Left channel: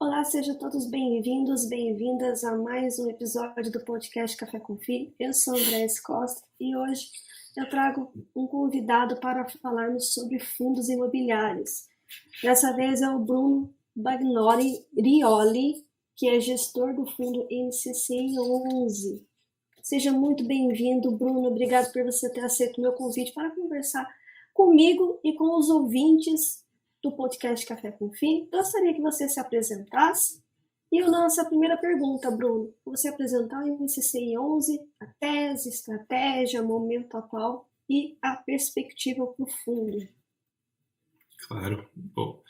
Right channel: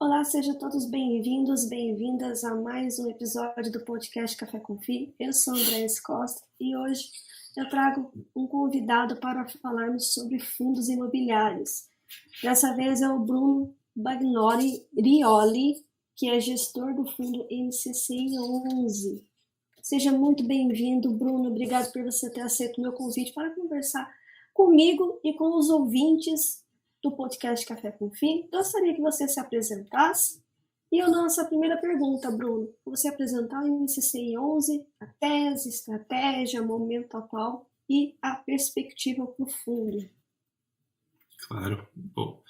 Olá, sejam todos bem-vindos, bem-vindas a mais um episódio do podcast Café com Fi. Eu sou Andréa Costa e hoje eu trago um convidado para falarmos sobre fundos imobiliários. Dessa vez é o Bruno Bagnoli Rioli, que é gestor do fundo MCCI 11. Seja muito bem-vindo, Bruno. Obrigado por você ter aceito o meu convite para conversar comigo e com os ouvintes do podcast Café com Fi. Gostaria que você se apresentasse. E eu lanço a primeira pergunta, Bruno. Você apresentar o MCCI 11, a tese, estratégia, momento atual e a perspectiva para o fundo. Claro. Bom,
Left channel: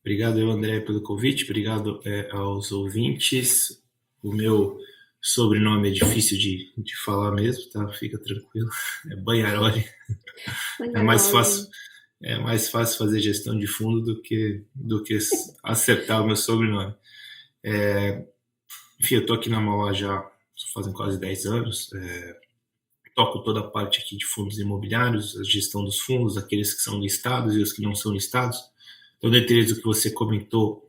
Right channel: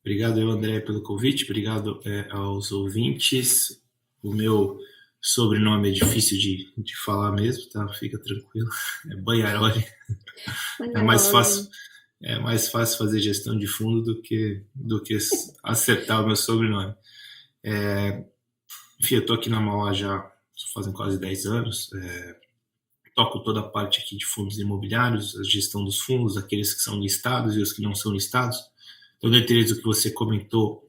obrigado, André, pelo convite. Obrigado aos ouvintes. O meu sobrenome é difícil de falar mesmo, tá? Fica tranquilo. É Bagnoli. É mais fácil fazer gestão de fundo do que acertar o meu sobrenome. Enfim, eu estou aqui na Mauá já fazem quase 10 anos. Toco toda a parte aqui de fundos imobiliários, a gestão dos fundos, aqueles que são listados e os que não são listados. Então, dentre eles, o que você comentou,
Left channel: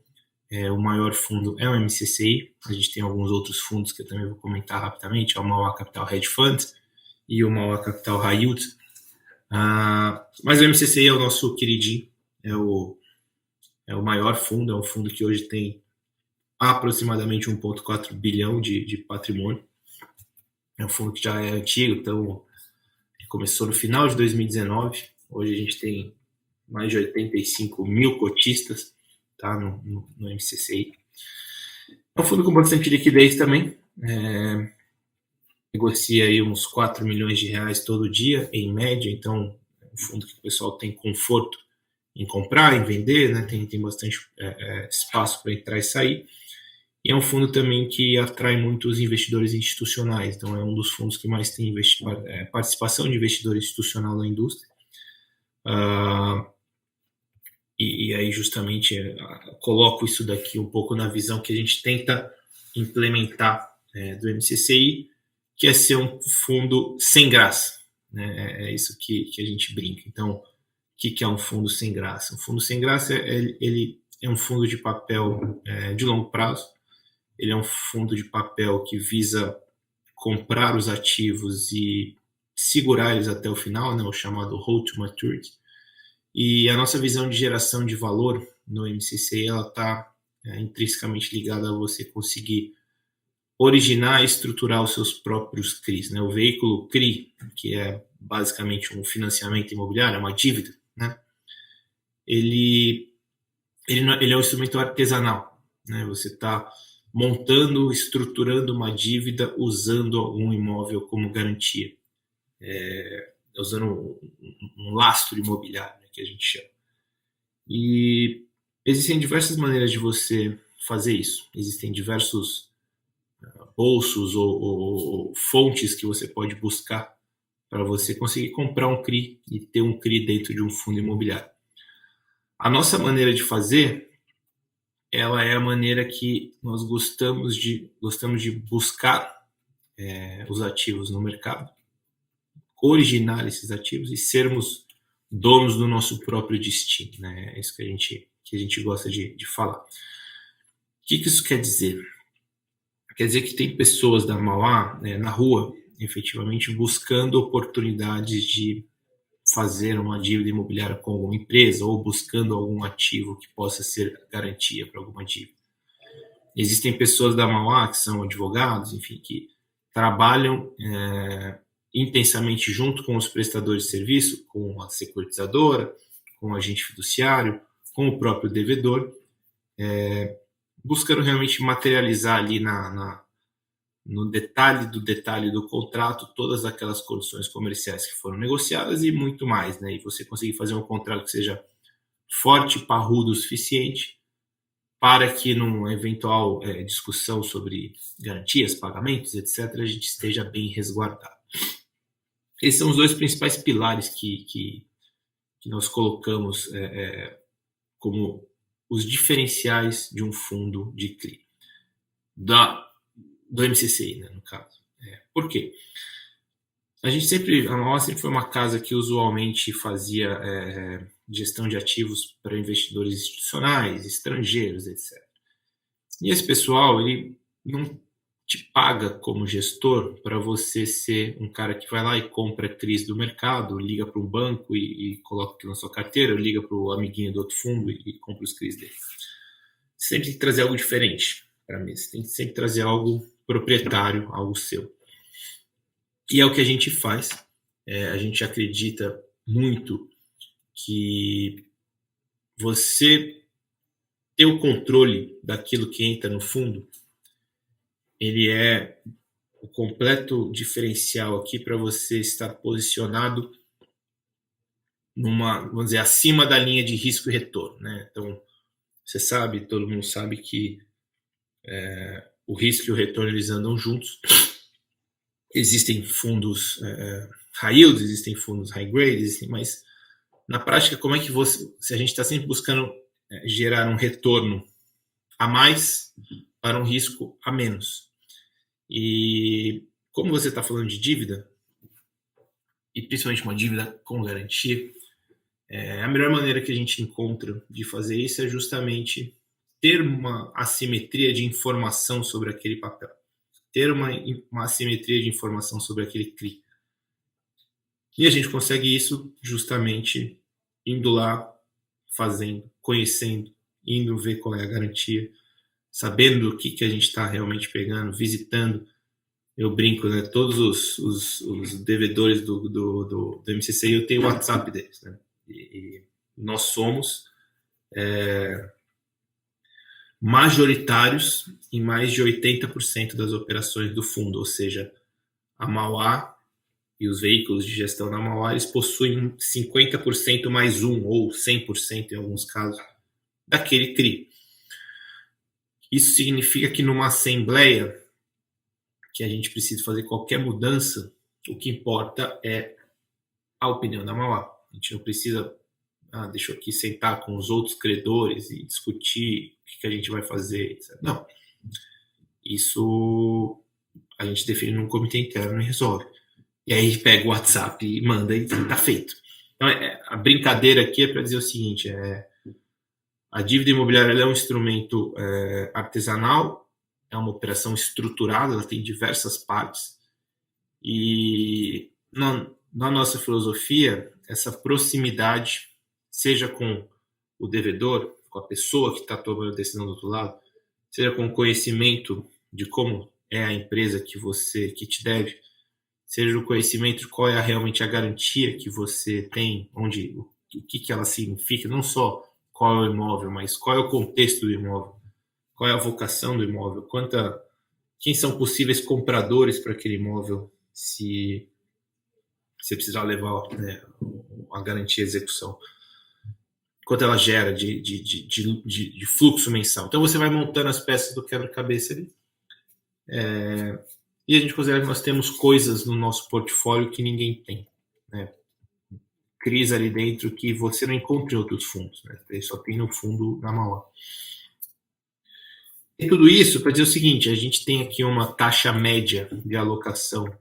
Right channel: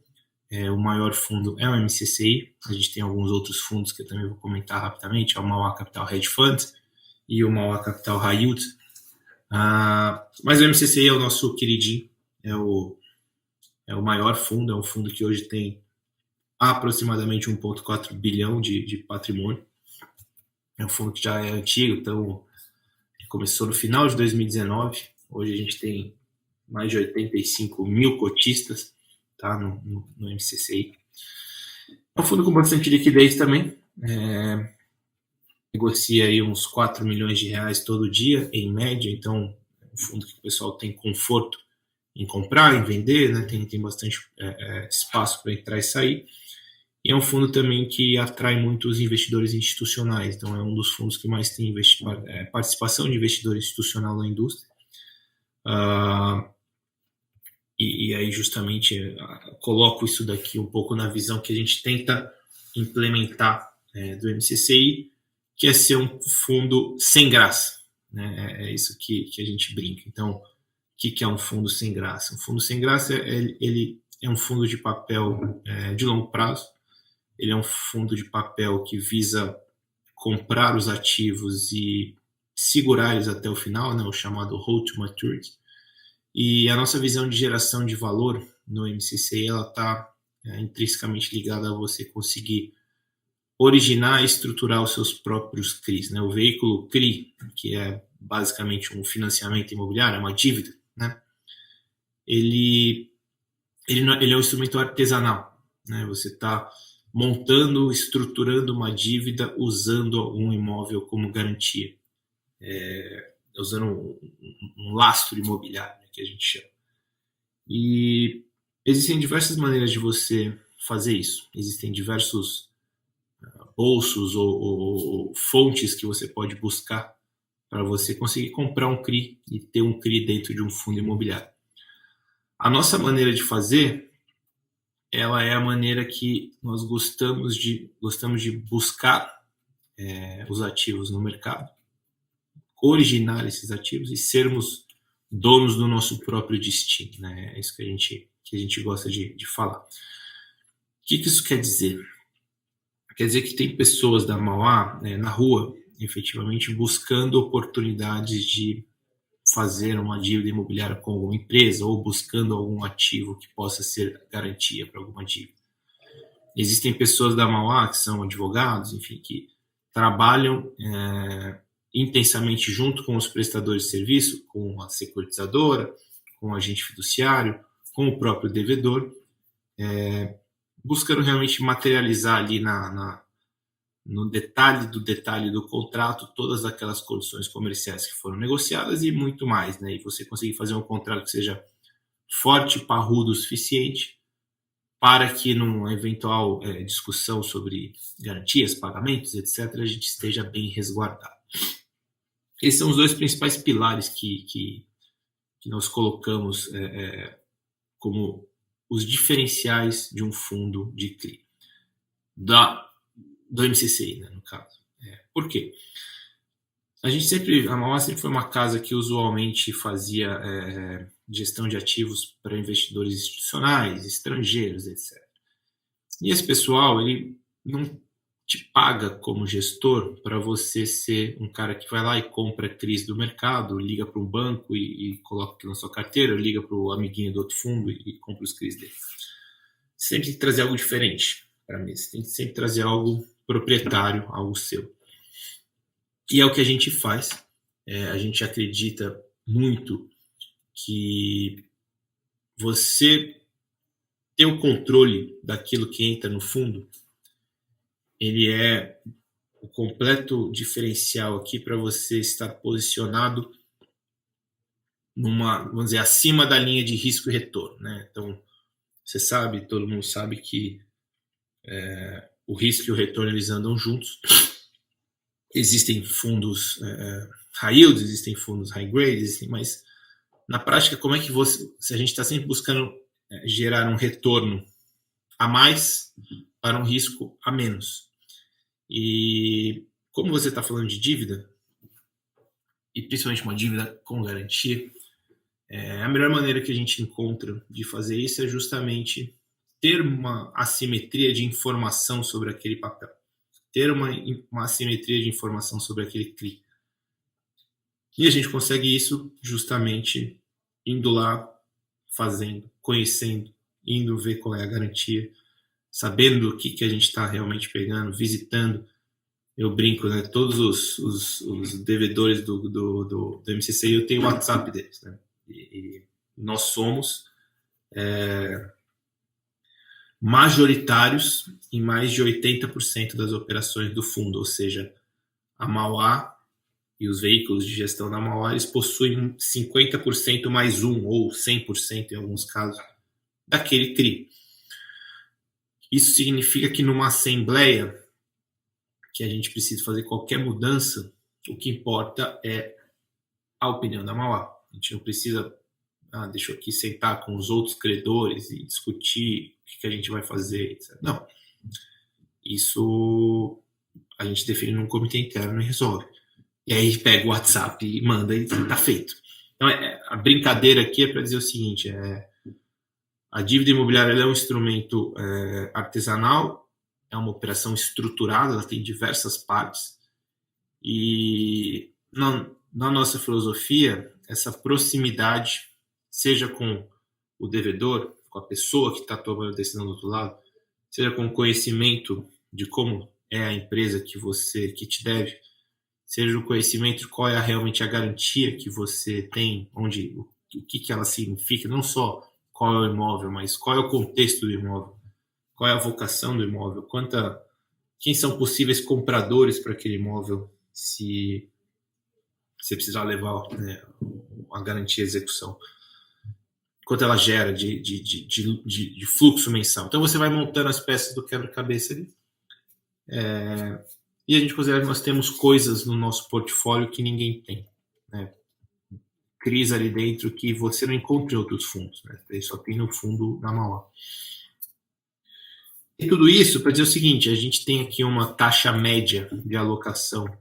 o maior fundo é o MCCI. A gente tem alguns outros fundos que eu também vou comentar rapidamente, é o Mauá Capital Hedge Fund e o Mauá Capital High Yield. Mas o MCCI é o nosso queridinho, é o maior fundo, é um fundo que hoje tem aproximadamente 1,4 bilhão de patrimônio. É um fundo que já é antigo, então começou no final de 2019. Hoje a gente tem mais de 85 mil cotistas, tá, no MCCI. É um fundo com bastante liquidez também. Negocia aí uns 4 milhões de reais todo dia, em média. Então, é um fundo que o pessoal tem conforto em comprar, em vender, né? Tem bastante espaço para entrar e sair. E é um fundo também que atrai muitos investidores institucionais. Então, é um dos fundos que mais tem participação de investidor institucional na indústria. E aí, justamente, coloco isso daqui um pouco na visão que a gente tenta implementar do MCCI, que é ser um fundo sem graça. Né? É isso que a gente brinca. Então, o que é um fundo sem graça? Um fundo sem graça, ele é um fundo de papel de longo prazo. Ele é um fundo de papel que visa comprar os ativos e segurar eles até o final, né, o chamado hold to maturity. E a nossa visão de geração de valor no MCCI, ela está intrinsecamente ligada a você conseguir originar e estruturar os seus próprios CRIs. Né? O veículo CRI, que é basicamente um financiamento imobiliário, uma dívida, né? Ele é um instrumento artesanal. Né? Você está montando, estruturando uma dívida usando algum imóvel como garantia, usando um lastro imobiliário, né, que a gente chama. E existem diversas maneiras de você fazer isso. Existem diversos bolsos ou fontes que você pode buscar para você conseguir comprar um CRI e ter um CRI dentro de um fundo imobiliário. A nossa maneira de fazer, ela é a maneira que nós gostamos de buscar os ativos no mercado, originar esses ativos e sermos donos do nosso próprio destino. Né? É isso que a gente gosta de falar. O que isso quer dizer? Quer dizer que tem pessoas da Mauá na rua, efetivamente, buscando oportunidades de fazer uma dívida imobiliária com alguma empresa ou buscando algum ativo que possa ser garantia para alguma dívida. Existem pessoas da Mauá que são advogados, enfim, que trabalham intensamente junto com os prestadores de serviço, com a securitizadora, com o agente fiduciário, com o próprio devedor, buscando realmente materializar ali no detalhe do contrato todas aquelas condições comerciais que foram negociadas e muito mais, né? E você conseguir fazer um contrato que seja forte, parrudo o suficiente para que numa eventual discussão sobre garantias, pagamentos, etc., a gente esteja bem resguardado. Esses são os dois principais pilares que nós colocamos como os diferenciais de um fundo de CRI. Do MCCI, né, no caso. Por quê? A Mauá sempre foi uma casa que usualmente fazia gestão de ativos para investidores institucionais, estrangeiros, etc. E esse pessoal, ele não te paga como gestor para você ser um cara que vai lá e compra CRIs do mercado, liga para um banco e coloca aqui na sua carteira, liga para o amiguinho do outro fundo e compra os CRIs dele. Você sempre tem que trazer algo diferente para a mesa. Tem que sempre trazer algo proprietário, algo seu. E é o que a gente faz. A gente acredita muito que você ter o controle daquilo que entra no fundo, ele é o completo diferencial aqui para você estar posicionado numa, vamos dizer, acima da linha de risco e retorno, né? Então, você sabe, todo mundo sabe que o risco e o retorno eles andam juntos. Existem fundos high yield, existem fundos high grade, mas na prática, como é que você, se a gente está sempre buscando gerar um retorno a mais para um risco a menos? E como você está falando de dívida, e principalmente uma dívida com garantia, a melhor maneira que a gente encontra de fazer isso é justamente ter uma assimetria de informação sobre aquele papel, ter uma assimetria de informação sobre aquele CRI. E a gente consegue isso justamente indo lá, fazendo, conhecendo, indo ver qual é a garantia, sabendo o que a gente está realmente pegando, visitando. Eu brinco, né? Todos os devedores do MCC, eu tenho o WhatsApp deles, né? E nós somos majoritários em mais de 80% das operações do fundo, ou seja, a Mauá e os veículos de gestão da Mauá, eles possuem 50% mais um, ou 100% em alguns casos, daquele CRI. Isso significa que numa assembleia que a gente precisa fazer qualquer mudança, o que importa é a opinião da Mauá. A gente não precisa, deixa eu aqui sentar com os outros credores e discutir o que a gente vai fazer, etc. Não. Isso a gente define num comitê interno e resolve. E aí pega o WhatsApp e manda e tá feito. Então, a brincadeira aqui é para dizer o seguinte, a dívida imobiliária é um instrumento artesanal, é uma operação estruturada, ela tem diversas partes. E na nossa filosofia, essa proximidade, seja com o devedor, com a pessoa que está tomando a decisão do outro lado, seja com o conhecimento de como é a empresa que te deve, seja o conhecimento de qual é realmente a garantia que você tem, o que ela significa, não só qual é o imóvel, mas qual é o contexto do imóvel, qual é a vocação do imóvel, quem são possíveis compradores para aquele imóvel, se você precisar levar a garantia à execução, quanto ela gera de fluxo mensal. Então você vai montando as peças do quebra-cabeça ali. E a gente considera que nós temos coisas no nosso portfólio que ninguém tem, né? CRIs ali dentro que você não encontra em outros fundos, né? Ele só tem no fundo da Mauá. E tudo isso para dizer o seguinte, a gente tem aqui uma taxa média de alocação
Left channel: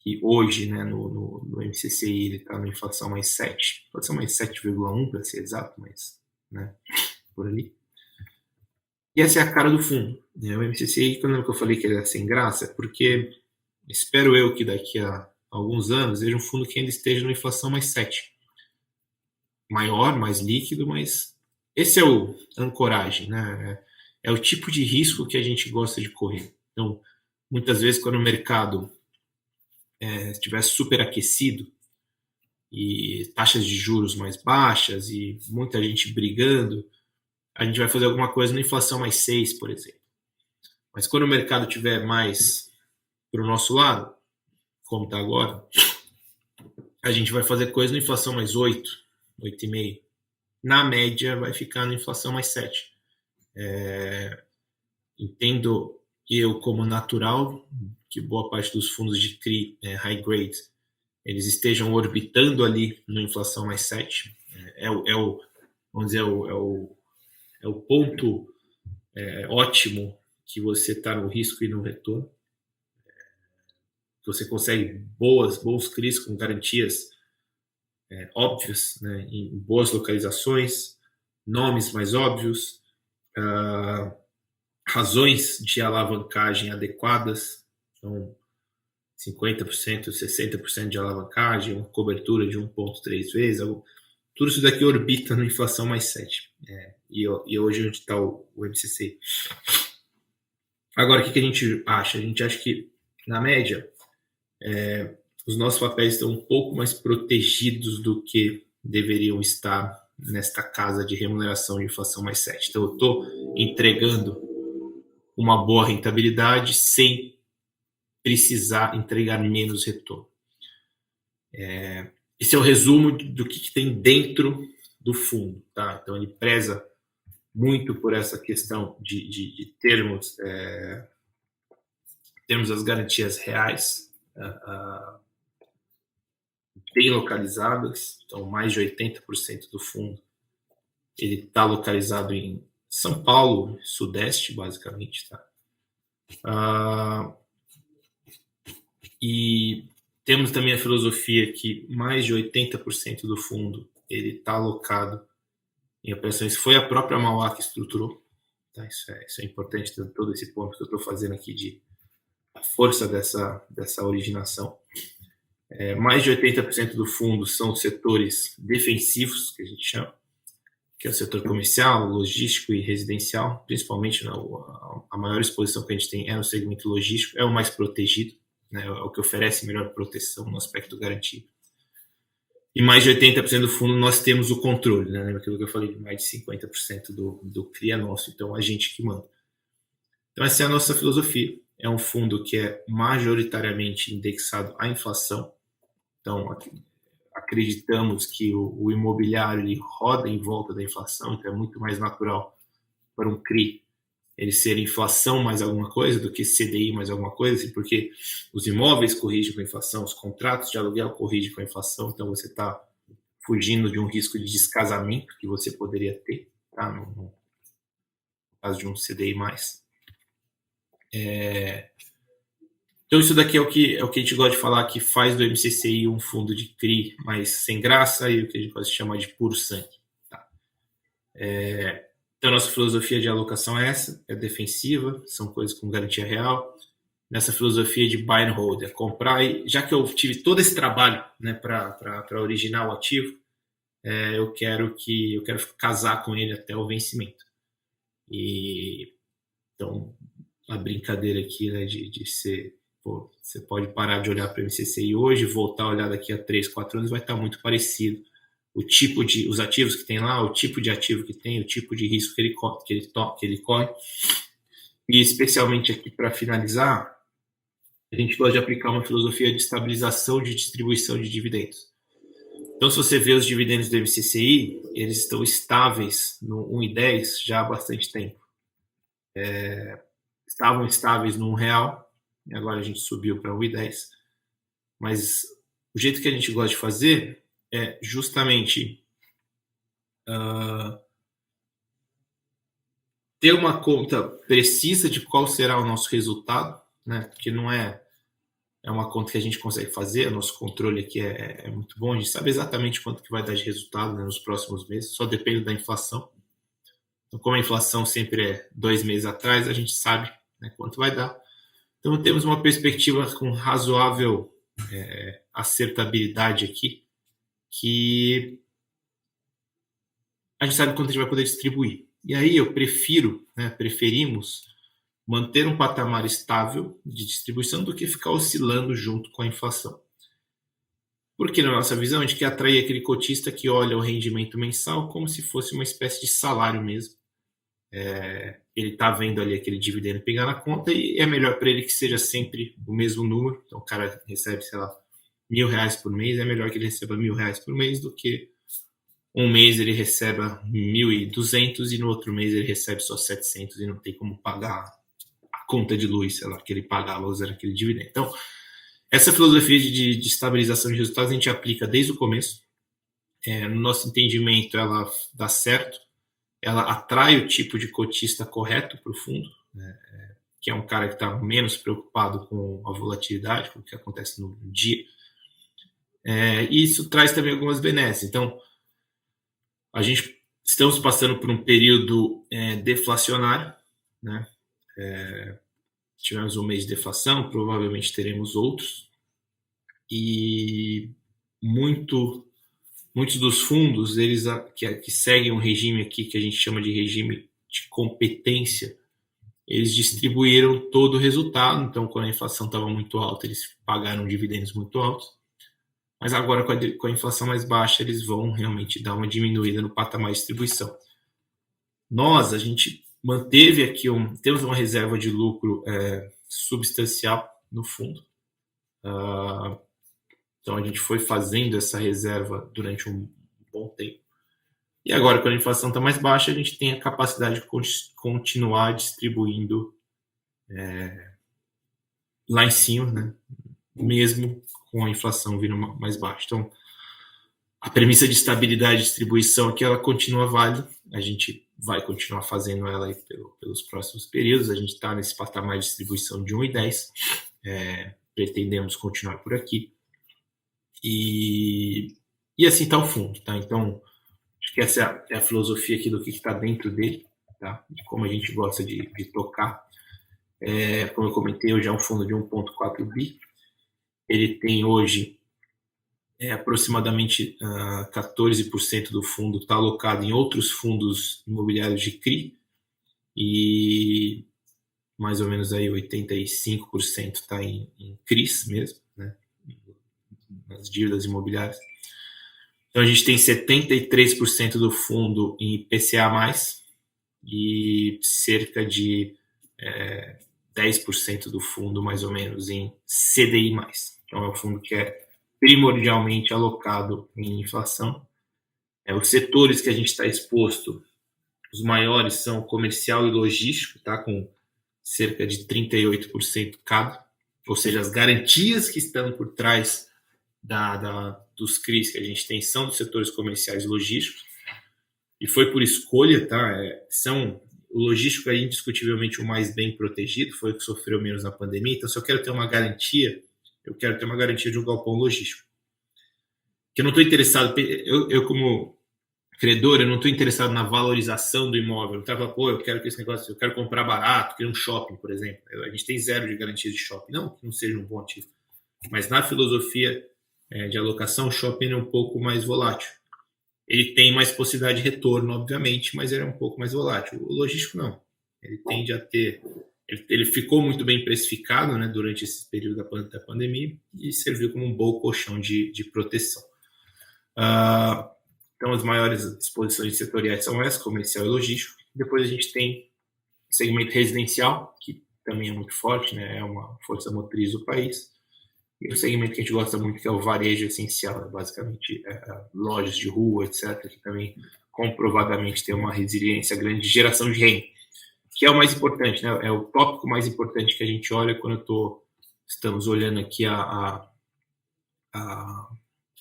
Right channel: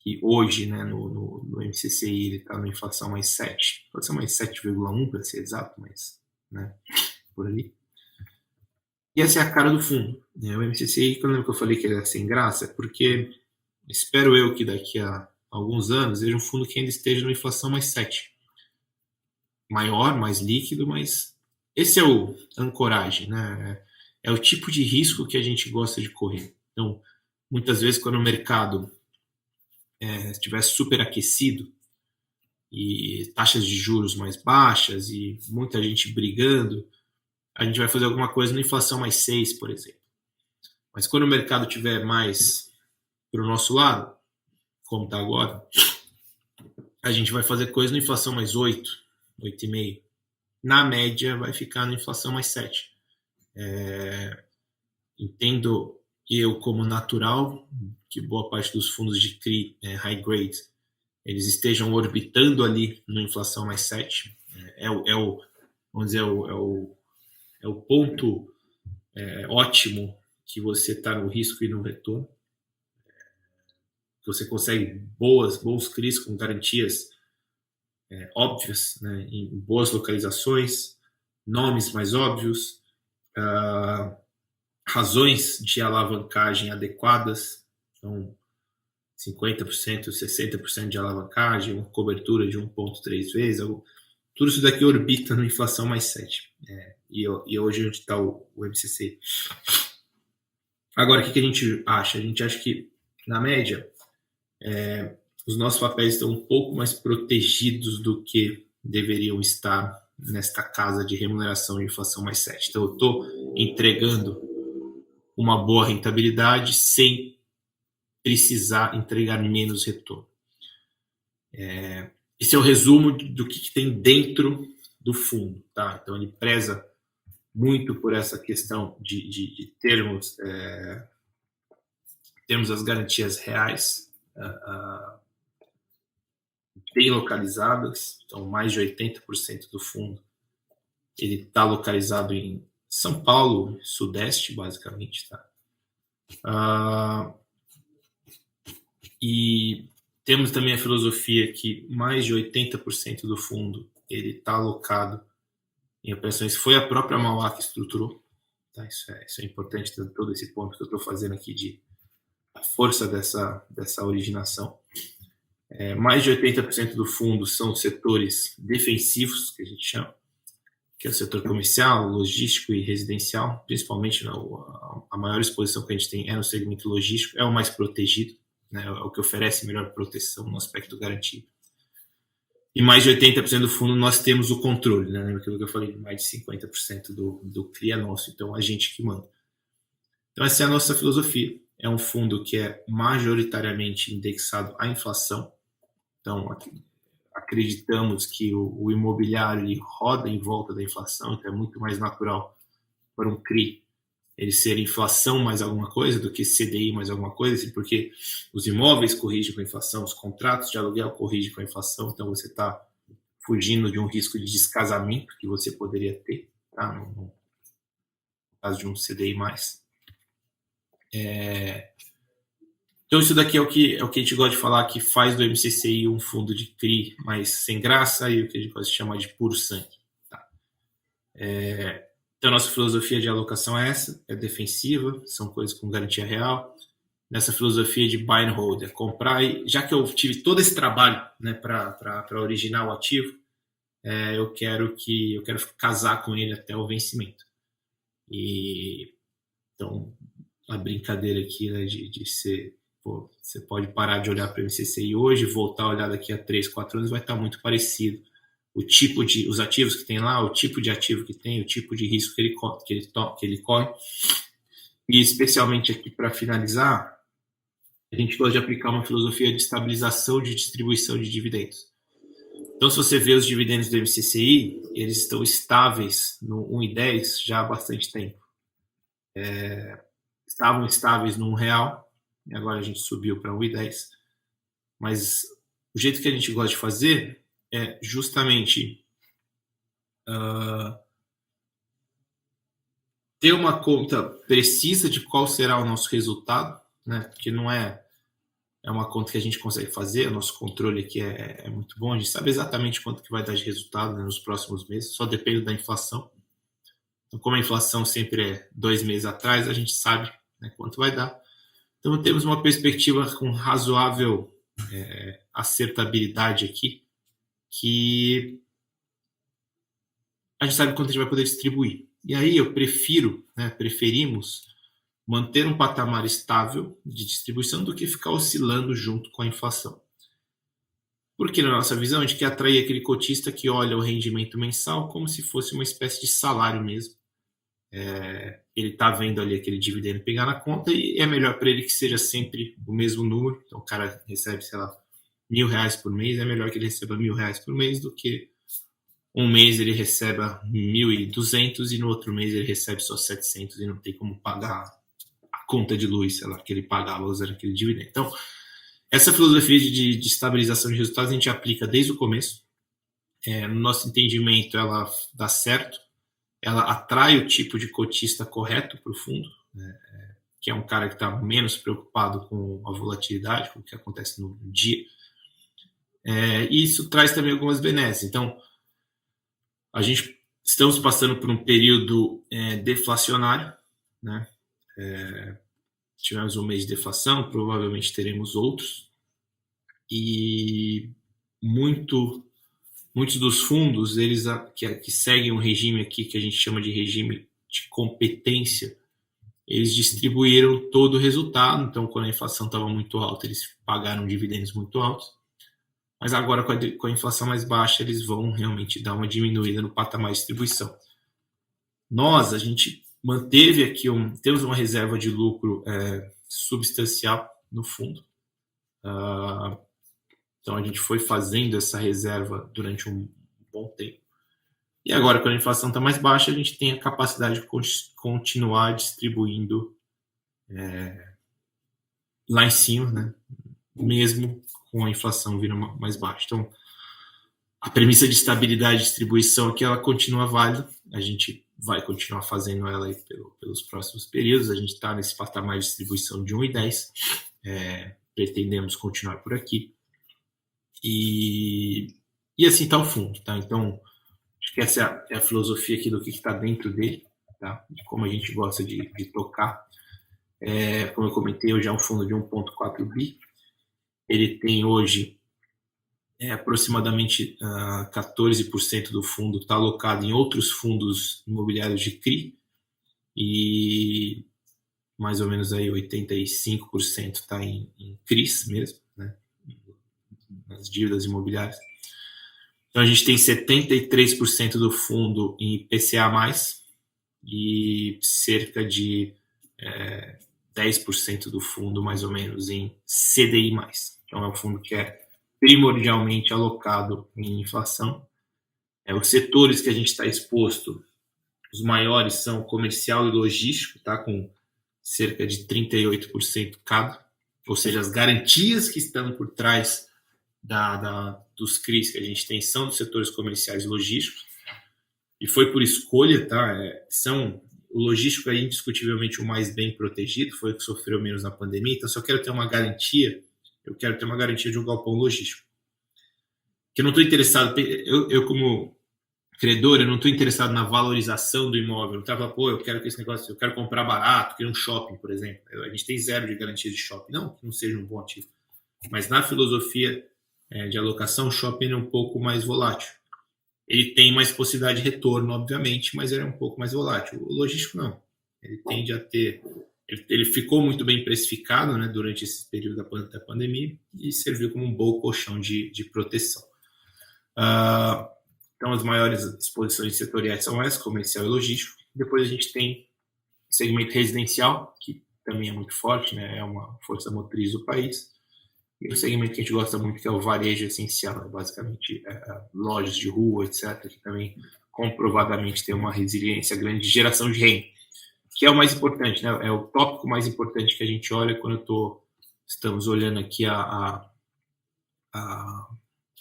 que hoje, né, no MCCI ele está na inflação mais 7, pode ser mais 7,1 para ser exato, mas né, por ali. E essa é a cara do fundo. Né? O MCCI, quando eu falei que ele era sem graça, é porque espero eu que daqui a alguns anos veja um fundo que ainda esteja na inflação mais 7. Maior, mais líquido, mas esse é o ancoragem, né? É o tipo de risco que a gente gosta de correr. Então, muitas vezes, quando o mercado estiver superaquecido e taxas de juros mais baixas e muita gente brigando, a gente vai fazer alguma coisa na inflação mais 6, por exemplo. Mas quando o mercado estiver mais para o nosso lado, como está agora, a gente vai fazer coisa na inflação mais 8, 8,5. Na média, vai ficar na inflação mais 7. Entendo eu como natural que boa parte dos fundos de CRI high grade eles estejam orbitando ali na inflação mais 7. Vamos dizer, é o ponto ótimo que você está no risco e no retorno. Você consegue bons CRIs com garantias óbvias, né, em boas localizações, nomes mais óbvios, razões de alavancagem adequadas, então 50%, 60% de alavancagem, uma cobertura de 1,3 vezes, tudo isso daqui orbita no inflação mais 7. E hoje onde está o MCC. Agora, o que a gente acha? A gente acha que, na média, os nossos papéis estão um pouco mais protegidos do que deveriam estar nesta casa de remuneração de inflação mais 7. Então, eu estou entregando uma boa rentabilidade sem precisar entregar menos retorno. Esse é o resumo do que tem dentro do fundo. Tá? Então, ele preza muito por essa questão de termos as garantias reais bem localizadas. Então, mais de 80% do fundo ele está localizado em São Paulo, Sudeste, basicamente. Tá? E temos também a filosofia que mais de 80% do fundo ele está alocado em operações. Foi a própria Mauá que estruturou. Tá? Isso é importante, todo esse ponto que eu estou fazendo aqui de a força dessa originação. Mais de 80% do fundo são setores defensivos, que a gente chama, que é o setor comercial, logístico e residencial. Principalmente, a maior exposição que a gente tem é no segmento logístico, é o mais protegido, né? É o que oferece melhor proteção no aspecto garantido. E mais de 80% do fundo nós temos o controle, né? Lembra aquilo que eu falei? Mais de 50% do CRI é nosso, então a gente que manda. Então essa é a nossa filosofia. É um fundo que é majoritariamente indexado à inflação. Então acreditamos que o imobiliário ele roda em volta da inflação, então é muito mais natural para um CRI ele ser inflação mais alguma coisa do que CDI mais alguma coisa, porque os imóveis corrigem com a inflação, os contratos de aluguel corrigem com a inflação, então você está fugindo de um risco de descasamento que você poderia ter, tá? No caso de um CDI mais. Então isso daqui é o que a gente gosta de falar, que faz do MCCI um fundo de CRI mais sem graça e o que a gente gosta de chamar de puro sangue. Tá? Então, a nossa filosofia de alocação é essa, é defensiva, são coisas com garantia real. Nessa filosofia de buy and hold, é comprar, e já que eu tive todo esse trabalho, né, para originar o ativo, eu quero casar com ele até o vencimento. E então, a brincadeira aqui, né, de ser, você pode parar de olhar para o MCCI hoje, voltar a olhar daqui a 3, 4 anos, vai estar muito parecido. Os ativos que tem lá, o tipo de ativo que tem, o tipo de risco que ele corre. E especialmente aqui para finalizar, a gente gosta de aplicar uma filosofia de estabilização de distribuição de dividendos. Então, se você vê os dividendos do MCCI, eles estão estáveis no 1,10 já há bastante tempo. Estavam estáveis no R$1, e agora a gente subiu para 1,10. Mas o jeito que a gente gosta de fazer é justamente ter uma conta precisa de qual será o nosso resultado, né? Porque não é uma conta que a gente consegue fazer, o nosso controle aqui é muito bom, a gente sabe exatamente quanto que vai dar de resultado, né, nos próximos meses, só depende da inflação. Então, como a inflação sempre é 2 meses atrás, a gente sabe, né, quanto vai dar. Então, temos uma perspectiva com razoável acertabilidade aqui, que a gente sabe quanto a gente vai poder distribuir. E aí preferimos manter um patamar estável de distribuição do que ficar oscilando junto com a inflação. Porque, na nossa visão, a gente quer atrair aquele cotista que olha o rendimento mensal como se fosse uma espécie de salário mesmo. Ele está vendo ali aquele dividendo pegar na conta e é melhor para ele que seja sempre o mesmo número. Então, o cara recebe, sei lá, R$1.000 por mês, é melhor que ele receba R$1.000 por mês do que um mês ele receba 1.200 e no outro mês ele recebe só 700 e não tem como pagar a conta de luz, sei lá, que ele pagava usando aquele dividendo. Então, essa filosofia de estabilização de resultados a gente aplica desde o começo. No nosso entendimento, ela dá certo. Ela atrai o tipo de cotista correto para o fundo, né? Que é um cara que está menos preocupado com a volatilidade, com o que acontece no dia. E isso traz também algumas benesses. Então, estamos passando por um período deflacionário, né? tivemos um mês de deflação, provavelmente teremos outros, e muitos dos fundos, eles que seguem um regime aqui que a gente chama de regime de competência, eles distribuíram todo o resultado. Então, quando a inflação estava muito alta, eles pagaram dividendos muito altos, mas agora com a inflação mais baixa, eles vão realmente dar uma diminuída no patamar de distribuição. A gente manteve aqui, temos uma reserva de lucro substancial no fundo. Então, a gente foi fazendo essa reserva durante um bom tempo. E agora, quando a inflação está mais baixa, a gente tem a capacidade de continuar distribuindo lá em cima, né? Mesmo com a inflação vindo mais baixa. Então, a premissa de estabilidade de distribuição aqui, ela continua válida. A gente vai continuar fazendo ela aí pelos próximos períodos. A gente está nesse patamar de distribuição de 1,10. Pretendemos continuar por aqui. E assim está o fundo, tá? Então, acho que essa é a filosofia aqui do que está dentro dele, tá? De como a gente gosta de tocar. Como eu comentei, hoje é um fundo de 1,4 bi. Ele tem hoje aproximadamente 14% do fundo está alocado em outros fundos imobiliários de CRI e mais ou menos aí 85% está em CRIs mesmo, né? Nas dívidas imobiliárias. Então a gente tem 73% do fundo em IPCA+, e cerca de 10% do fundo mais ou menos em CDI+. Então é um fundo que é primordialmente alocado em inflação. Os setores que a gente está exposto, os maiores são comercial e logístico, tá? Com cerca de 38% cada, ou seja, as garantias que estão por trás dos CRIs que a gente tem são dos setores comerciais e logísticos, e foi por escolha, tá? O logístico é indiscutivelmente o mais bem protegido, foi o que sofreu menos na pandemia, então se eu quero ter uma garantia, eu quero ter uma garantia de um galpão logístico. Que eu não estou interessado, eu como credor, eu não estou interessado na valorização do imóvel. Eu estava, eu quero que esse negócio, eu quero comprar barato, quero um shopping, por exemplo. A gente tem 0 de garantia de shopping. Não que não seja um bom ativo. Mas na filosofia de alocação, o shopping é um pouco mais volátil. Ele tem mais possibilidade de retorno, obviamente, mas ele é um pouco mais volátil. O logístico não. Ele tende a ter... Ele ficou muito bem precificado, né, durante esse período da pandemia e serviu como um bom colchão de proteção. Então, as maiores exposições setoriais são essas, comercial e logístico. Depois a gente tem o segmento residencial, que também é muito forte, né, é uma força motriz do país. E o segmento que a gente gosta muito, que é o varejo essencial, basicamente lojas de rua, etc., que também comprovadamente tem uma resiliência grande de geração de renda, que é o mais importante, né? É o tópico mais importante que a gente olha quando estamos olhando aqui a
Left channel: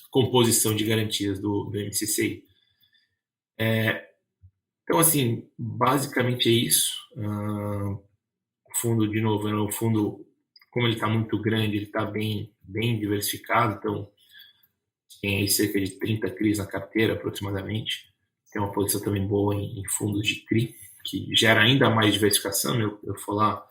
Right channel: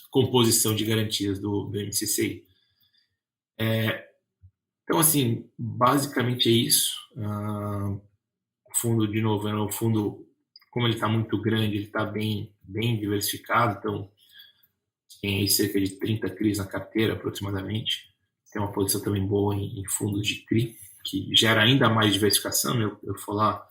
composição de garantias do MCCI. Então, assim, basicamente é isso. O fundo, de novo, é um fundo, como ele está muito grande, ele está bem diversificado, então tem aí cerca de 30 CRIs na carteira, aproximadamente. Tem uma posição também boa em fundos de CRI, que gera ainda mais diversificação. Eu for lá,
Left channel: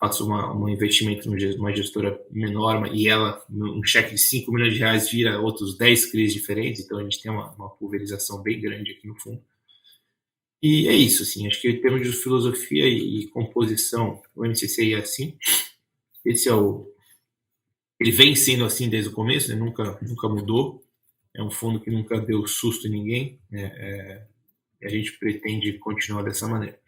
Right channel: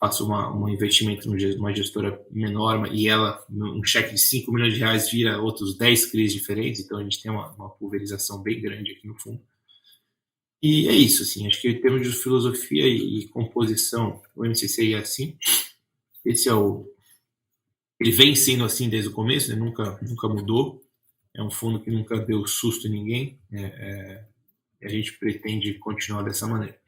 faço um investimento numa gestora menor e ela, um cheque de 5 milhões de reais vira outros 10 CRIs diferentes, então a gente tem uma pulverização bem grande aqui no fundo. E é isso, assim, acho que em termos de filosofia e composição, o MCCI é assim. Ele vem sendo assim desde o começo, né? Nunca mudou. É um fundo que nunca deu susto em ninguém. A gente pretende continuar dessa maneira.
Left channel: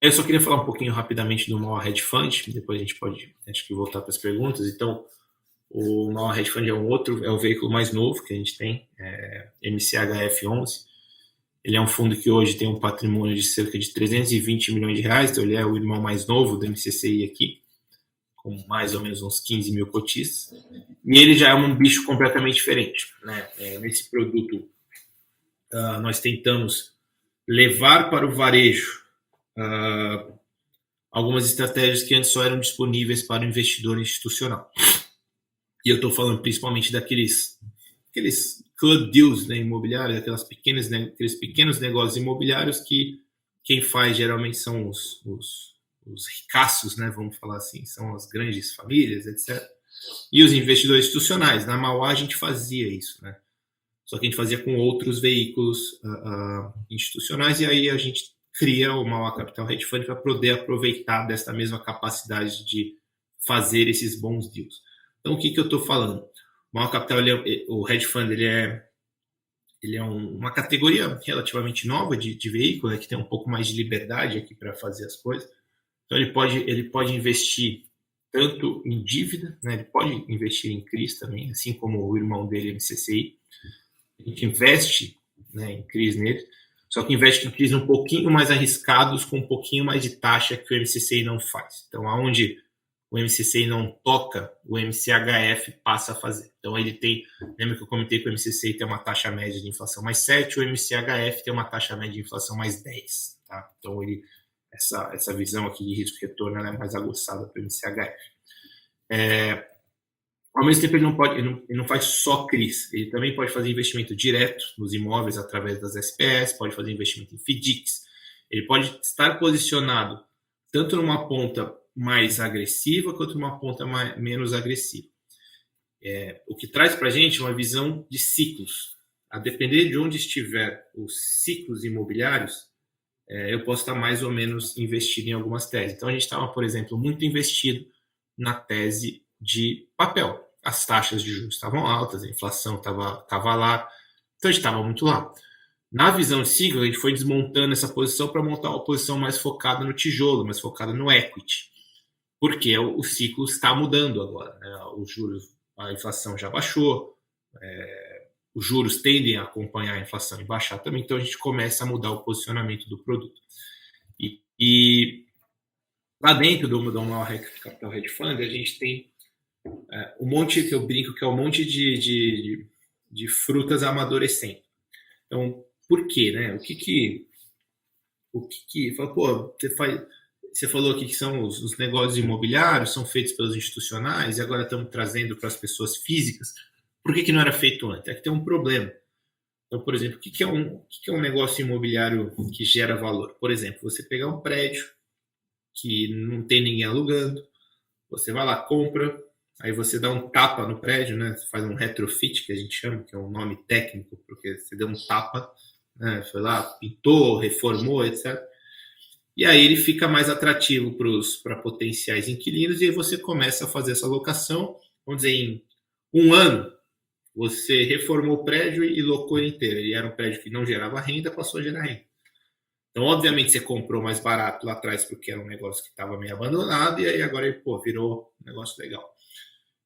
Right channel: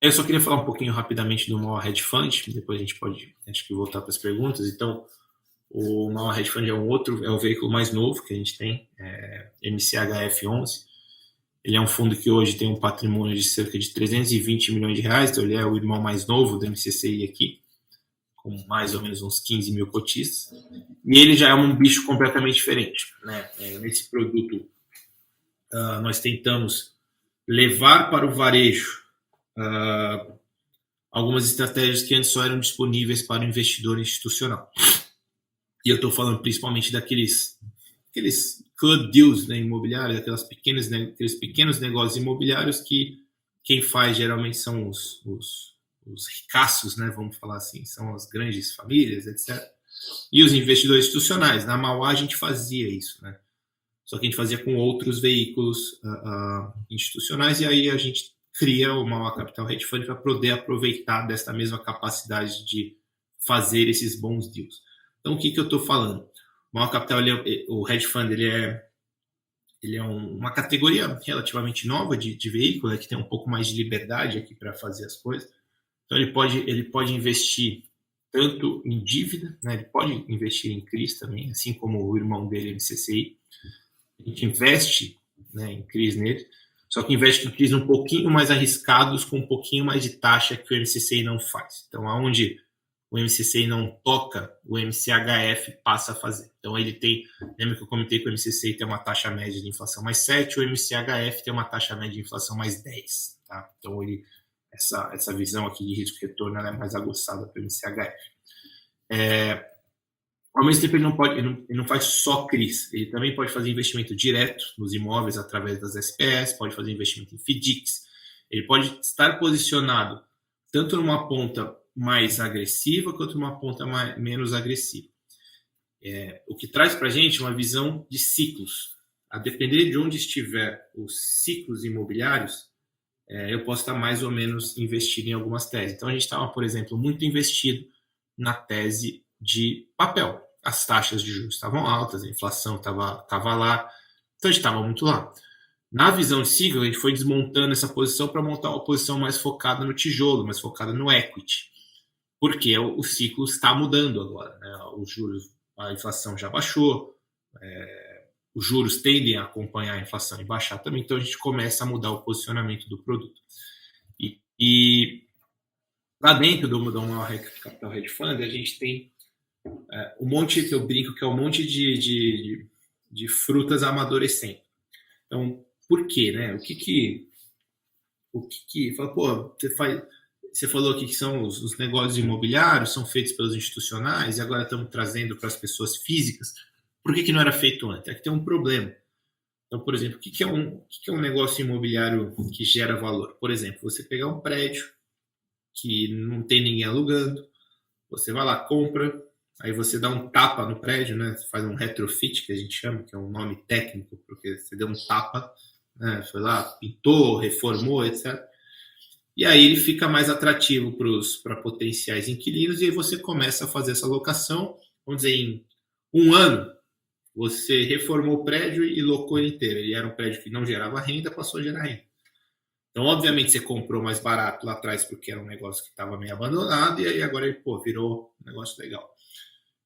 Eu só queria falar um pouquinho rapidamente do maior hedge fund, depois a gente pode, acho que, voltar para as perguntas. Então, o maior hedge fund é o veículo mais novo que a gente tem, MCHF11. Ele é um fundo que hoje tem um patrimônio de cerca de 320 milhões de reais, então ele é o irmão mais novo do MCCI aqui, com mais ou menos uns 15 mil cotistas. E ele já é um bicho completamente diferente, né? Nesse produto, nós tentamos levar para o varejo algumas estratégias que antes só eram disponíveis para o investidor institucional. E eu estou falando principalmente daqueles club deals, né, imobiliários, aqueles pequenos negócios imobiliários que quem faz geralmente são os ricaços, né, vamos falar assim, são as grandes famílias, etc. E os investidores institucionais. Na Mauá a gente fazia isso, né? Só que a gente fazia com outros veículos institucionais, e aí a gente cria o Mauá Capital Hedge Fund para poder aproveitar dessa mesma capacidade de fazer esses bons deals. Então, o que eu estou falando? O Mauá Capital, o Hedge Fund, ele é uma categoria relativamente nova de veículo, né, que tem um pouco mais de liberdade aqui para fazer as coisas. Então, ele pode investir tanto em dívida, né, ele pode investir em CRIs também, assim como o irmão dele, MCCI. A gente investe, né, em CRIs nele, só que investe em CRIs um pouquinho mais arriscados, com um pouquinho mais de taxa que o MCCI não faz. Então, aonde o MCCI não toca, o MCHF passa a fazer. Então, ele tem... Lembra que eu comentei que o MCCI tem uma taxa média de inflação mais 7, o MCHF tem uma taxa média de inflação mais 10. Tá? Então, essa visão aqui de risco-retorno é mais aguçada para o MCHF. Ao mesmo tempo, ele não faz só CRIs, ele também pode fazer investimento direto nos imóveis através das SPS, pode fazer investimento em FDICs, ele pode estar posicionado tanto numa ponta mais agressiva quanto numa ponta menos agressiva. O que traz para a gente uma visão de ciclos. A depender de onde estiver os ciclos imobiliários, eu posso estar mais ou menos investido em algumas teses. Então, a gente estava, por exemplo, muito investido na tese de papel. As taxas de juros estavam altas, a inflação estava lá, então a gente estava muito lá. Na visão de ciclo, a gente foi desmontando essa posição para montar uma posição mais focada no tijolo, mais focada no equity, porque o ciclo está mudando agora, né? Os juros, a inflação já baixou, os juros tendem a acompanhar a inflação e baixar também, então a gente começa a mudar o posicionamento do produto. E lá dentro do Mauá Capital Hedge Fund, a gente tem um monte, que eu brinco, que é um monte de frutas amadurecendo. Então, por quê, né? O que fala, pô, você falou aqui que são os negócios imobiliários, são feitos pelos institucionais, e agora estamos trazendo para as pessoas físicas. Por que não era feito antes? É que tem um problema. Então, por exemplo, o que é um negócio imobiliário que gera valor? Por exemplo, você pegar um prédio que não tem ninguém alugando, você vai lá, compra, aí você dá um tapa no prédio, né? Você faz um retrofit, que a gente chama, que é um nome técnico, porque você deu um tapa, né? Foi lá, pintou, reformou, etc. E aí ele fica mais atrativo para potenciais inquilinos, e aí você começa a fazer essa locação, vamos dizer, em um ano, você reformou o prédio e locou ele inteiro. Ele era um prédio que não gerava renda, passou a gerar renda. Então, obviamente, você comprou mais barato lá atrás porque era um negócio que estava meio abandonado, e aí agora ele virou um negócio legal.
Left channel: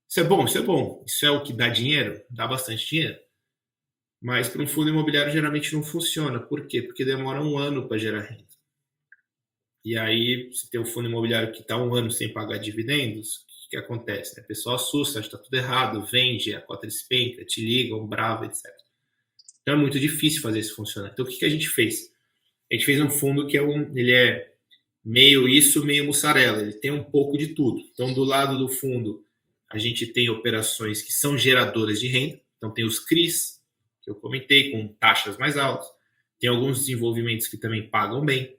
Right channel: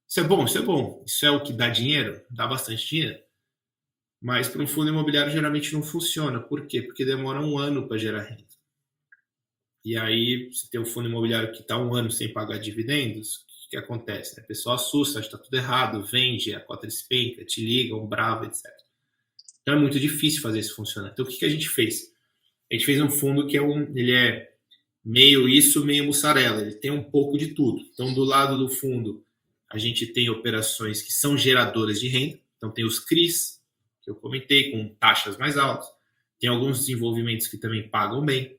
Isso é bom, isso é bom. Isso é o que dá dinheiro? Dá bastante dinheiro. Mas para um fundo imobiliário geralmente não funciona. Por quê? Porque demora um ano para gerar renda. E aí, você tem um fundo imobiliário que está um ano sem pagar dividendos, o que acontece? A pessoa assusta, acha que está tudo errado, vende, a cota despenca, te ligam, bravo, etc. Então é muito difícil fazer isso funcionar. Então o que a gente fez? A gente fez um fundo que ele é meio isso, meio mussarela. Ele tem um pouco de tudo. Então, do lado do fundo, a gente tem operações que são geradoras de renda. Então, tem os CRIs, que eu comentei, com taxas mais altas. Tem alguns desenvolvimentos que também pagam bem.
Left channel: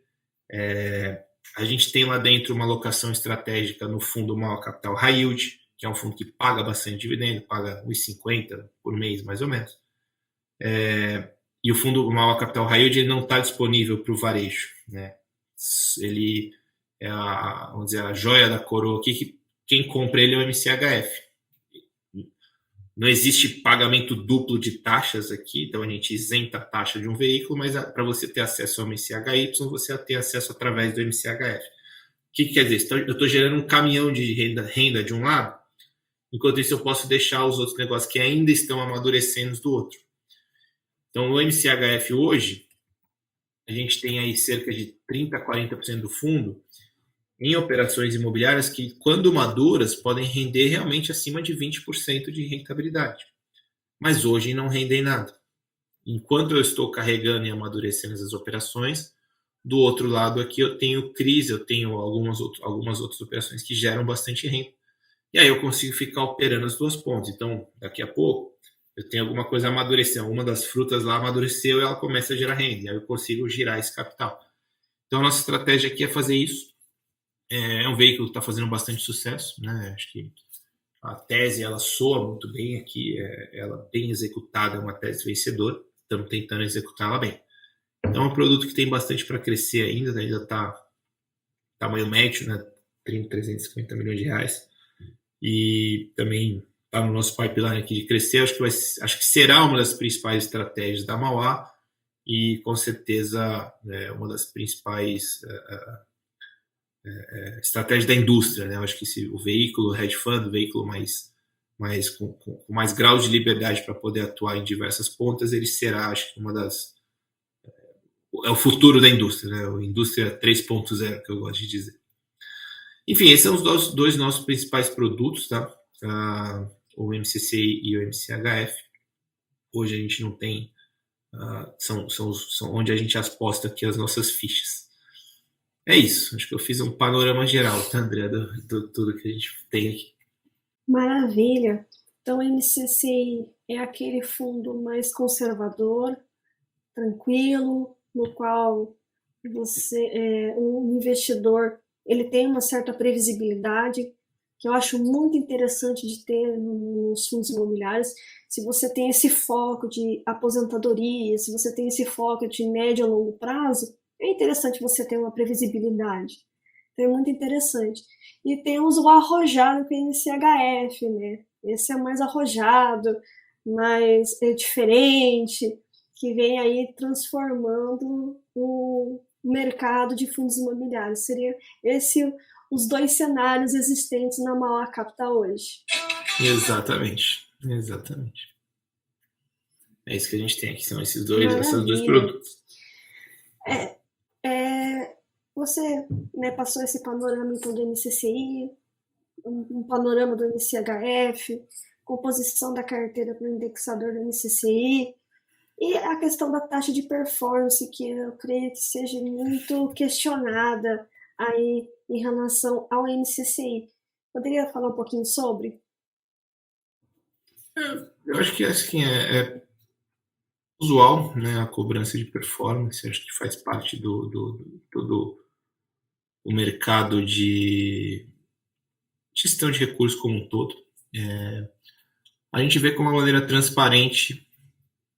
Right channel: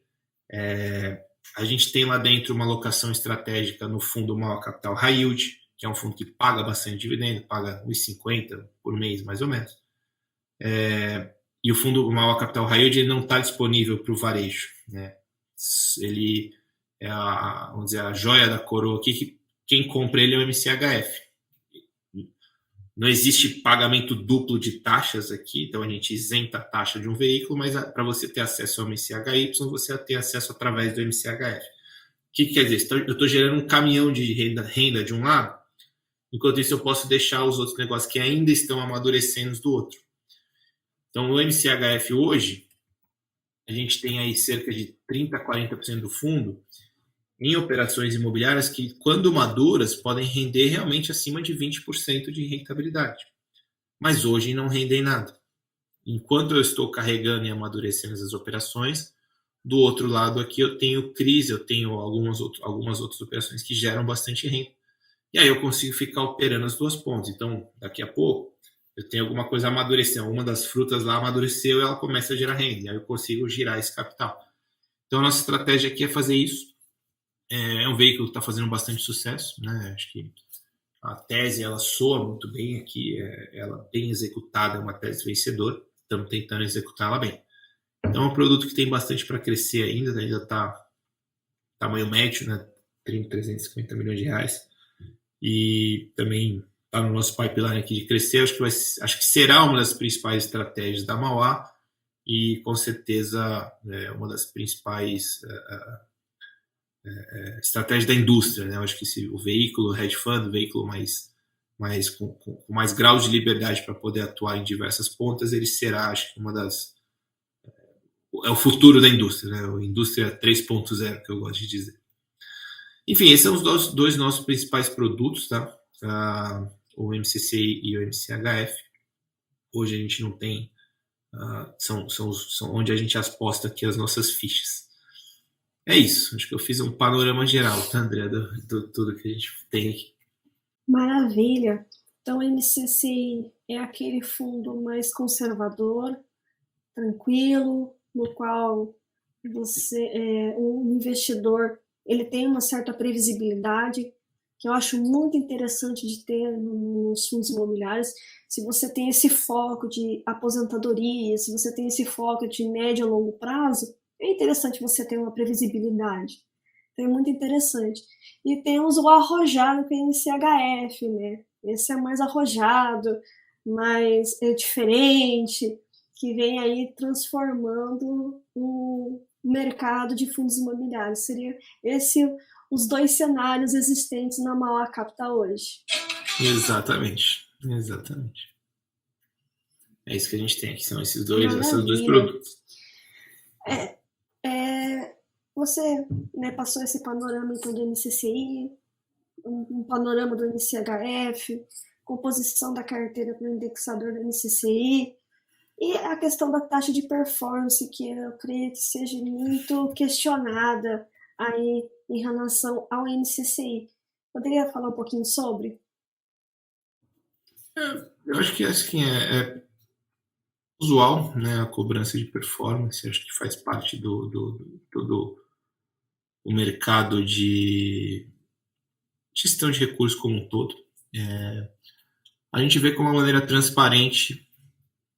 A gente tem lá dentro uma alocação estratégica no fundo Mauá Capital High Yield, que é um fundo que paga bastante dividendo, paga 1,50 por mês, mais ou menos. E o fundo Mauá Capital High Yield ele não está disponível para o varejo, né? Ele é vamos dizer, a joia da coroa aqui, que quem compra ele é o MCHF. Não existe pagamento duplo de taxas aqui, então a gente isenta a taxa de um veículo, mas para você ter acesso ao MCHY, você tem acesso através do MCHF. O que quer dizer? Eu estou gerando um caminhão de renda de um lado, enquanto isso eu posso deixar os outros negócios que ainda estão amadurecendo do outro. Então, no MCHF hoje, a gente tem aí cerca de 30% a 40% do fundo em operações imobiliárias que, quando maduras, podem render realmente acima de 20% de rentabilidade. Mas hoje não rendem nada. Enquanto eu estou carregando e amadurecendo essas operações, do outro lado aqui eu tenho CRIs, eu tenho algumas outras operações que geram bastante renda. E aí eu consigo ficar operando as duas pontas. Então, daqui a pouco, eu tenho alguma coisa amadurecendo. Uma das frutas lá amadureceu e ela começa a gerar renda. E aí eu consigo girar esse capital. Então, a nossa estratégia aqui é fazer isso. É um veículo que está fazendo bastante sucesso, né? Acho que a tese ela soa muito bem aqui, ela bem executada, é uma tese vencedora. Estamos tentando executá-la bem. Então, é um produto que tem bastante para crescer ainda está tamanho médio, né? 30, 350 milhões de reais. E também está no nosso pipeline aqui de crescer. Acho que será uma das principais estratégias da Mauá e, com certeza, uma das principais estratégias da indústria. Né? Eu acho que o veículo hedge fund, o veículo com mais grau de liberdade para poder atuar em diversas pontas, ele será, acho que, é o futuro da indústria, né? A indústria 3.0, que eu gosto de dizer. Enfim, esses são os dois nossos principais produtos, tá? O MCCI e o MCHF. Hoje a gente não tem, são onde a gente aposta aqui as nossas fichas. É isso, acho que eu fiz um panorama geral, tá, André, do tudo que a gente tem aqui. Maravilha! Então, o MCCI é aquele fundo mais conservador, tranquilo, no qual um investidor ele tem uma certa previsibilidade, que eu acho muito interessante de ter nos fundos imobiliários. Se você tem esse foco de aposentadoria, se você tem esse foco de médio a longo prazo, é interessante você ter uma previsibilidade. Então, é muito interessante. E temos o arrojado, que é o MCHF, né? Esse é mais arrojado, mais diferente, que vem aí transformando o mercado de fundos imobiliários. Seria os dois cenários existentes na Mauá Capital hoje. Exatamente. É isso que a gente tem aqui, são esses dois produtos. Você, né, passou esse panorama então, do MCCI, um panorama do MCHF, composição da carteira para o indexador do MCCI, e a questão da taxa de performance, que eu creio que seja muito questionada aí em relação ao MCCI. Poderia falar um pouquinho sobre? Eu acho que assim, é usual, né, a cobrança de performance. Acho que faz parte do todo o mercado de gestão de recursos como um todo. A gente vê como uma maneira transparente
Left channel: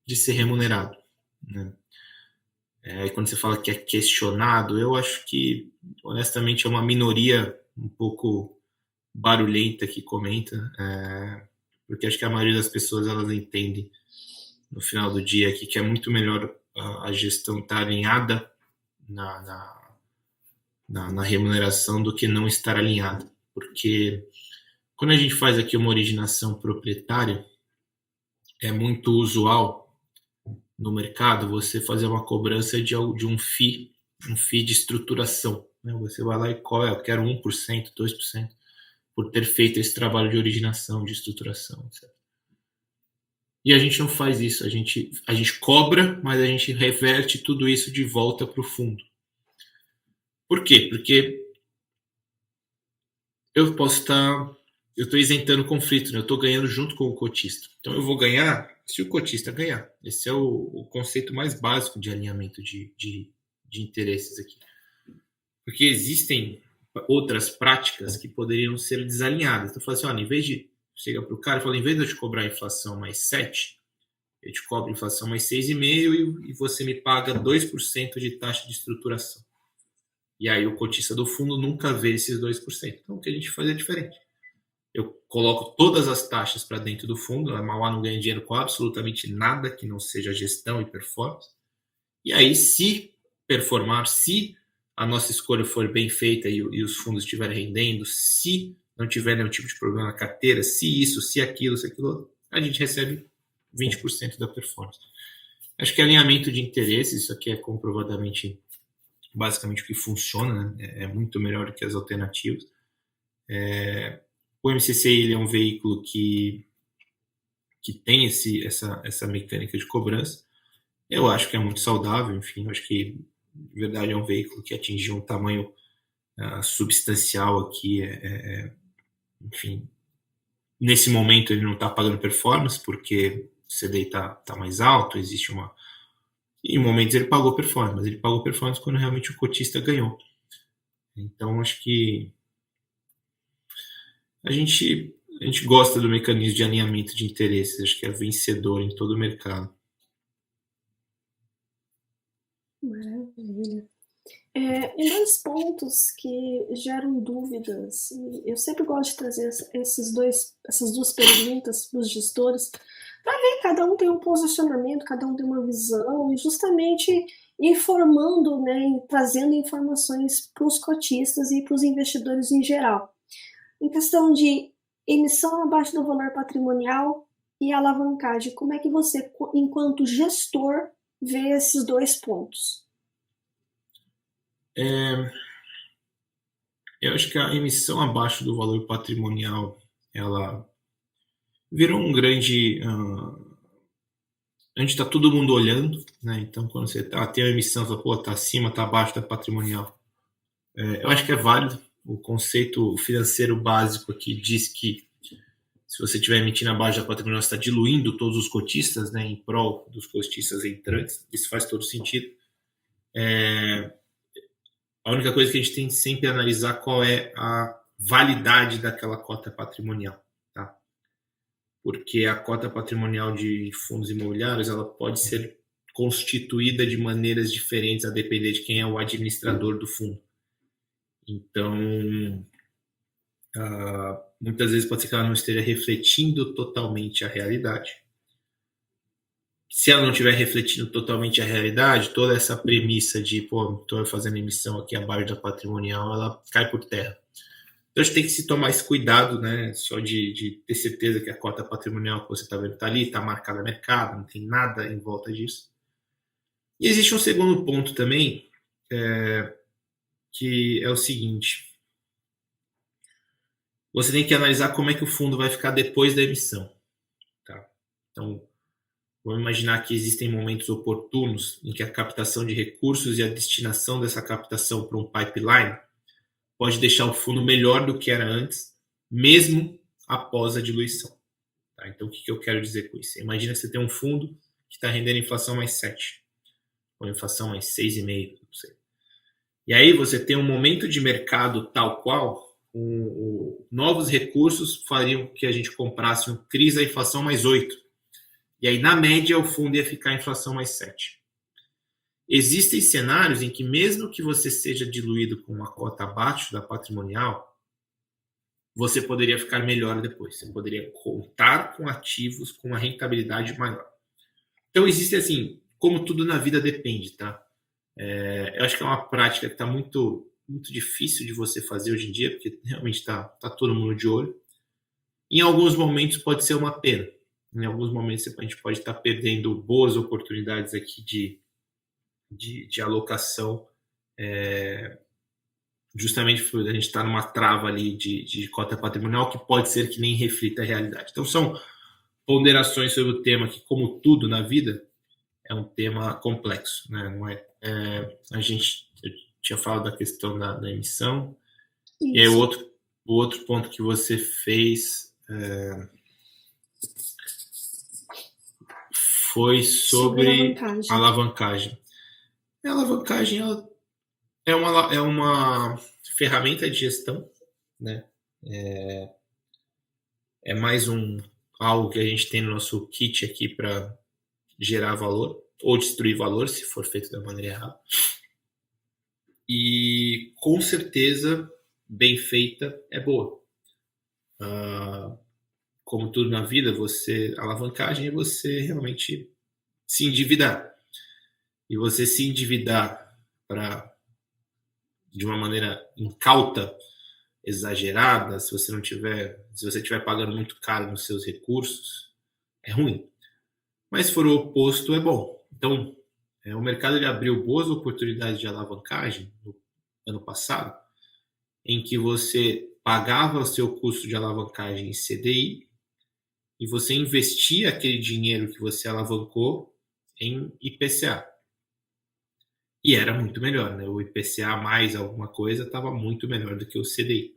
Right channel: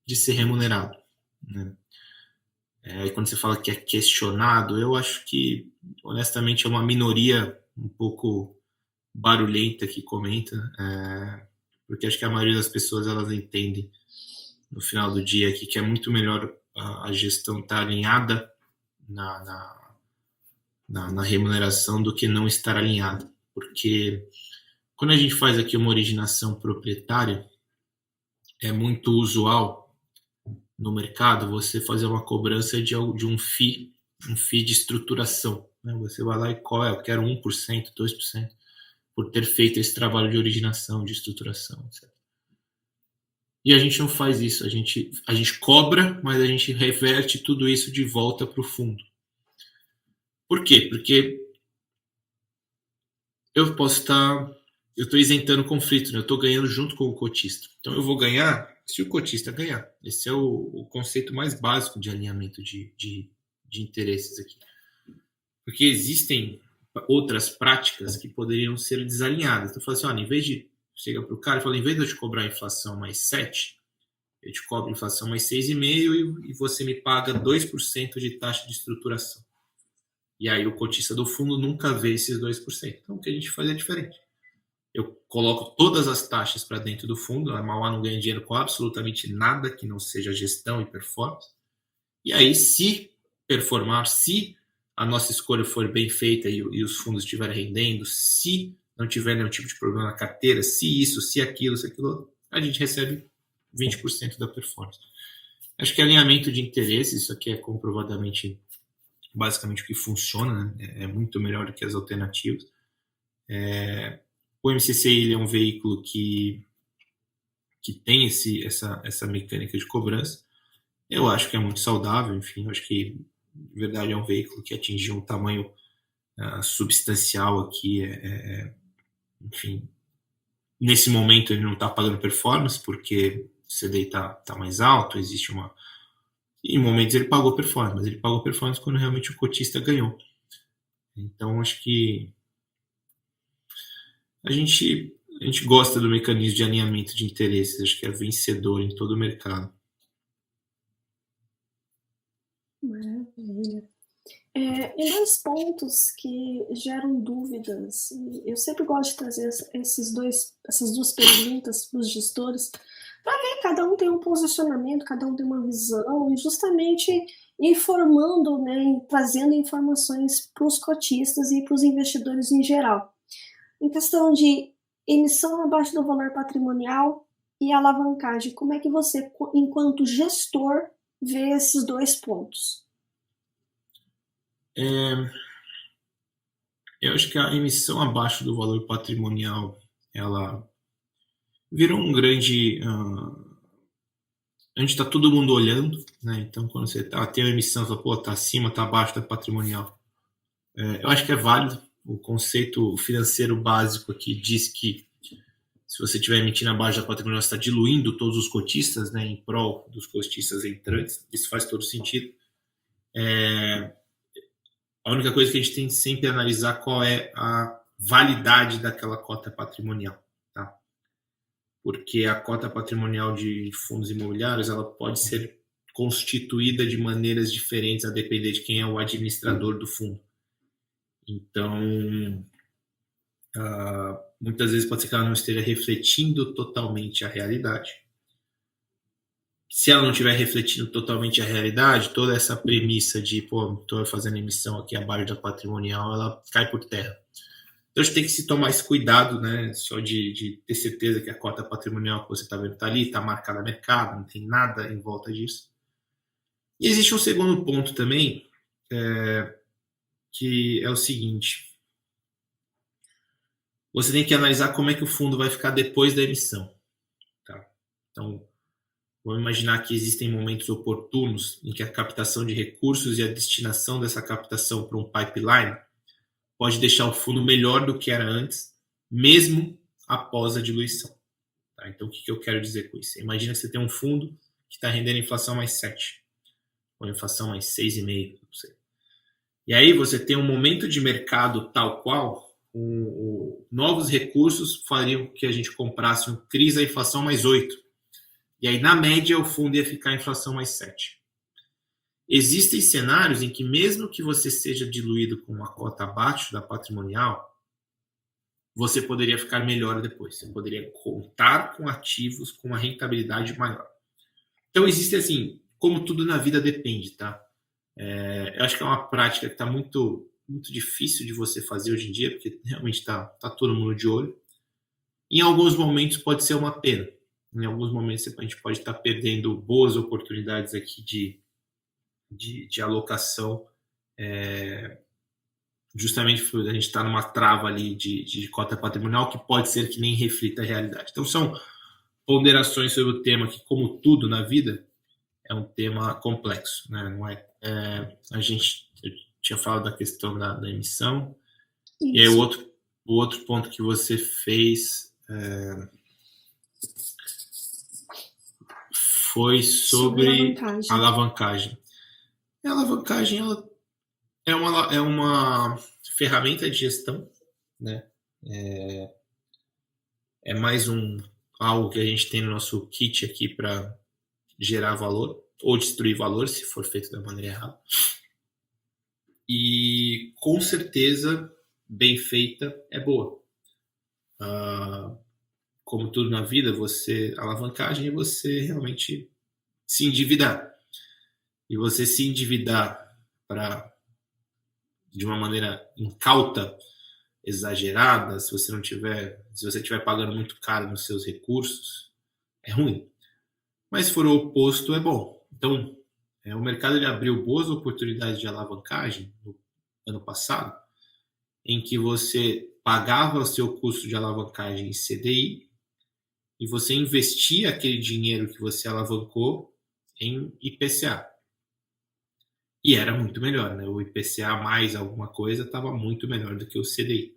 de ser remunerado, né? E quando você fala que é questionado, eu acho que, honestamente, é uma minoria um pouco barulhenta que comenta, porque acho que a maioria das pessoas elas entendem no final do dia que é muito melhor a gestão estar alinhada na remuneração do que não estar alinhada, porque quando a gente faz aqui uma originação proprietária, é muito usual no mercado você fazer uma cobrança de um FII de estruturação. Né? Você vai lá e eu quero 1%, 2%, por ter feito esse trabalho de originação, de estruturação, etc. E a gente não faz isso, a gente cobra, mas a gente reverte tudo isso de volta para o fundo. Por quê? Porque eu estou isentando conflito, né? Eu estou ganhando junto com o cotista. Então eu vou ganhar se o cotista ganhar. Esse é o conceito mais básico de alinhamento de interesses aqui. Porque existem outras práticas que poderiam ser desalinhadas. Então, eu falo assim, em vez de chegar para o cara e falar, em vez de eu te cobrar a inflação mais 7, eu te cobro a inflação mais 6,5 e você me paga 2% de taxa de estruturação. E aí o cotista do fundo nunca vê esses 2%. Então, o que a gente faz é diferente. Eu coloco todas as taxas para dentro do fundo, a Mauá não ganha dinheiro com absolutamente nada que não seja gestão e performance. E aí, se performar, se a nossa escolha for bem feita e os fundos estiverem rendendo, se não tiver nenhum tipo de problema na carteira, se isso, se aquilo, a gente recebe 20% da performance. Acho que alinhamento de interesses, isso aqui é comprovadamente, basicamente, o que funciona, né? É muito melhor do que as alternativas. O MCCI ele é um veículo que tem essa mecânica de cobrança. Eu acho que é muito saudável, enfim, eu acho que, de verdade, é um veículo que atingiu um tamanho substancial aqui. Enfim, nesse momento ele não está pagando performance, porque o CDI está mais alto, existe E em momentos ele pagou performance, mas ele pagou performance quando realmente o cotista ganhou. Então, acho que a gente gosta do mecanismo de alinhamento de interesses, acho que é vencedor em todo o mercado. Maravilha. Em dois pontos que geram dúvidas, eu sempre gosto de trazer essas duas perguntas para os gestores, para ver, cada um tem um posicionamento, cada um tem uma visão, e justamente informando, né, e trazendo informações para os cotistas e para os investidores em geral. Em questão de emissão abaixo do valor patrimonial e alavancagem, como é que você, enquanto gestor, vê esses dois pontos? Eu acho que a emissão abaixo do valor patrimonial, ela virou um grande... onde está todo mundo olhando, né? Então, quando você tem uma emissão, você fala, pô, tá acima, tá abaixo da patrimonial. Eu acho que é válido. O conceito financeiro básico aqui diz que se você estiver emitindo abaixo da patrimonial, você está diluindo todos os cotistas, né, em prol dos cotistas entrantes. Isso faz todo sentido. A única coisa que a gente tem que sempre analisar qual é a validade daquela cota patrimonial, tá? Porque a cota patrimonial de fundos imobiliários ela pode ser constituída de maneiras diferentes a depender de quem é o administrador do fundo. Então, muitas vezes pode ser que ela não esteja refletindo totalmente a realidade. Se ela não estiver refletindo totalmente a realidade, toda essa premissa de, pô, estou fazendo emissão aqui abaixo da patrimonial, ela cai por terra. Então, a gente tem que se tomar esse cuidado, né? Só de ter certeza que a cota patrimonial que você está vendo está ali, está marcada no mercado, não tem nada em volta disso. E existe um segundo ponto também, que é o seguinte: você tem que analisar como é que o fundo vai ficar depois da emissão. Tá? Então, vamos imaginar que existem momentos oportunos em que a captação de recursos e a destinação dessa captação para um pipeline pode deixar o fundo melhor do que era antes, mesmo após a diluição. Tá? Então, o que eu quero dizer com isso? Imagina que você tem um fundo que está rendendo inflação mais 7, ou inflação mais 6,5, não sei. E aí você tem um momento de mercado tal qual, novos recursos fariam que a gente comprasse um CRIs a inflação mais 8. E aí, na média, o fundo ia ficar a inflação mais 7. Existem cenários em que, mesmo que você seja diluído com uma cota abaixo da patrimonial, você poderia ficar melhor depois. Você poderia contar com ativos com uma rentabilidade maior. Então, existe assim, como tudo na vida depende, tá? Eu acho que é uma prática que está muito, muito difícil de você fazer hoje em dia, porque realmente está todo mundo de olho. Em alguns momentos pode ser uma pena. Em alguns momentos a gente pode estar perdendo boas oportunidades aqui de alocação, justamente por a gente estar numa trava ali de cota patrimonial que pode ser que nem reflita a realidade. Então são ponderações sobre o tema que, como tudo na vida, é um tema complexo, né? Não é, eu tinha falado da questão da emissão. Isso. E aí o outro ponto que você fez foi sobre alavancagem. A alavancagem ela é uma ferramenta de gestão, né? É mais algo que a gente tem no nosso kit aqui para gerar valor ou destruir valor se for feito da maneira errada. E com certeza bem feita é boa. Como tudo na vida, alavancagem é você realmente se endividar. E você se endividar de uma maneira incauta, exagerada, se você estiver pagando muito caro nos seus recursos, é ruim. Mas se for o oposto, é bom. Então, o mercado ele abriu boas oportunidades de alavancagem no ano passado, em que você pagava o seu custo de alavancagem em CDI e você investia aquele dinheiro que você alavancou em IPCA. E era muito melhor, né? O IPCA mais alguma coisa estava muito melhor do que o CDI.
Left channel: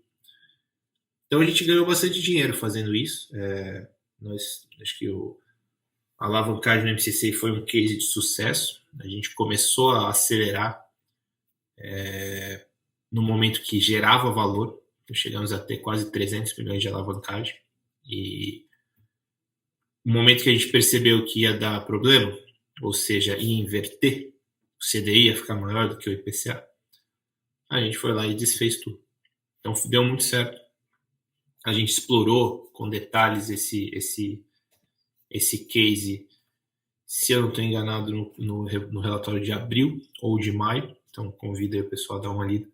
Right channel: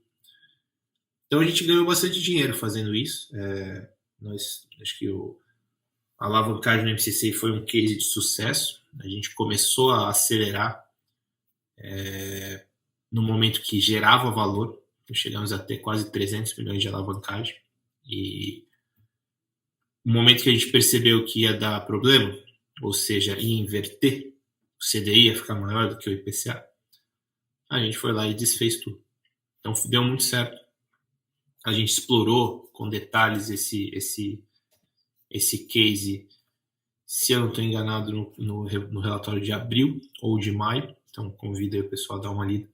Então a gente ganhou bastante dinheiro fazendo isso. Acho que a alavancagem no MCC foi um case de sucesso. A gente começou a acelerar no momento que gerava valor. Então, chegamos a ter quase 300 milhões de alavancagem. E no momento que a gente percebeu que ia dar problema, ou seja, ia inverter, o CDI ia ficar maior do que o IPCA, a gente foi lá e desfez tudo. Então deu muito certo. A gente explorou com detalhes esse case, se eu não estou enganado, no relatório de abril ou de maio. Então convido aí o pessoal a dar uma lida.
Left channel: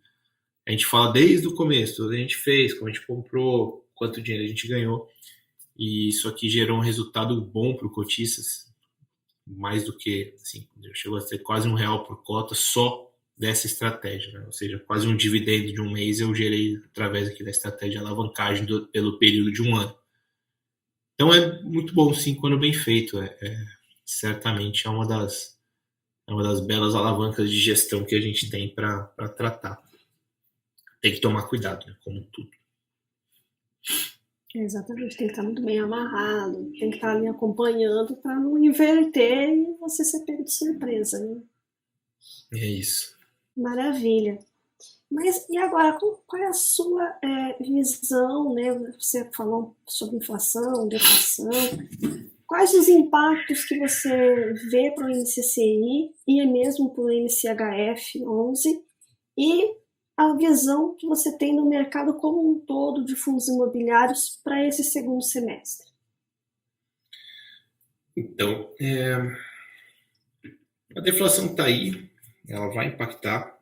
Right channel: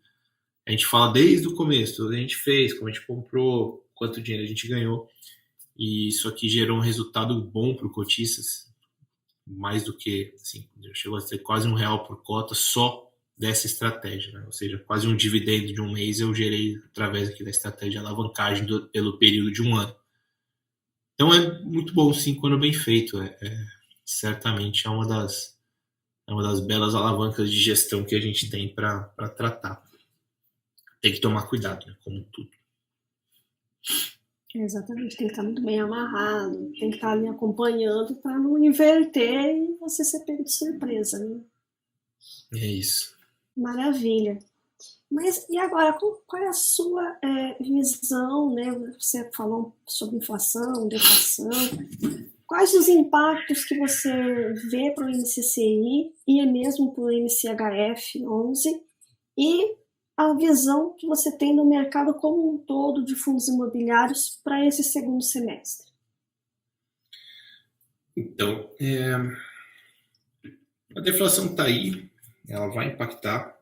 A gente fala desde o começo, tudo que a gente fez, como a gente comprou, quanto dinheiro a gente ganhou. E isso aqui gerou um resultado bom para o cotistas, mais do que, assim, chegou a ser quase R$1 por cota só dessa estratégia, né? Ou seja, quase um dividendo de um mês eu gerei através aqui da estratégia de alavancagem pelo período de um ano. Então é muito bom, sim, quando bem feito. Certamente é uma das belas alavancas de gestão que a gente tem para tratar. Tem que tomar cuidado, né? Como tudo. Exatamente, tem que estar muito bem amarrado, tem que estar ali acompanhando para não inverter e você ser pego de surpresa, né? É isso. Maravilha. Mas e agora, qual é a sua visão, né? Você falou sobre inflação, deflação. Quais os impactos que você vê para o NCCI e mesmo para o NCHF 11 e a visão que você tem no mercado como um todo de fundos imobiliários para esse segundo semestre? Então, a deflação está aí, ela vai impactar.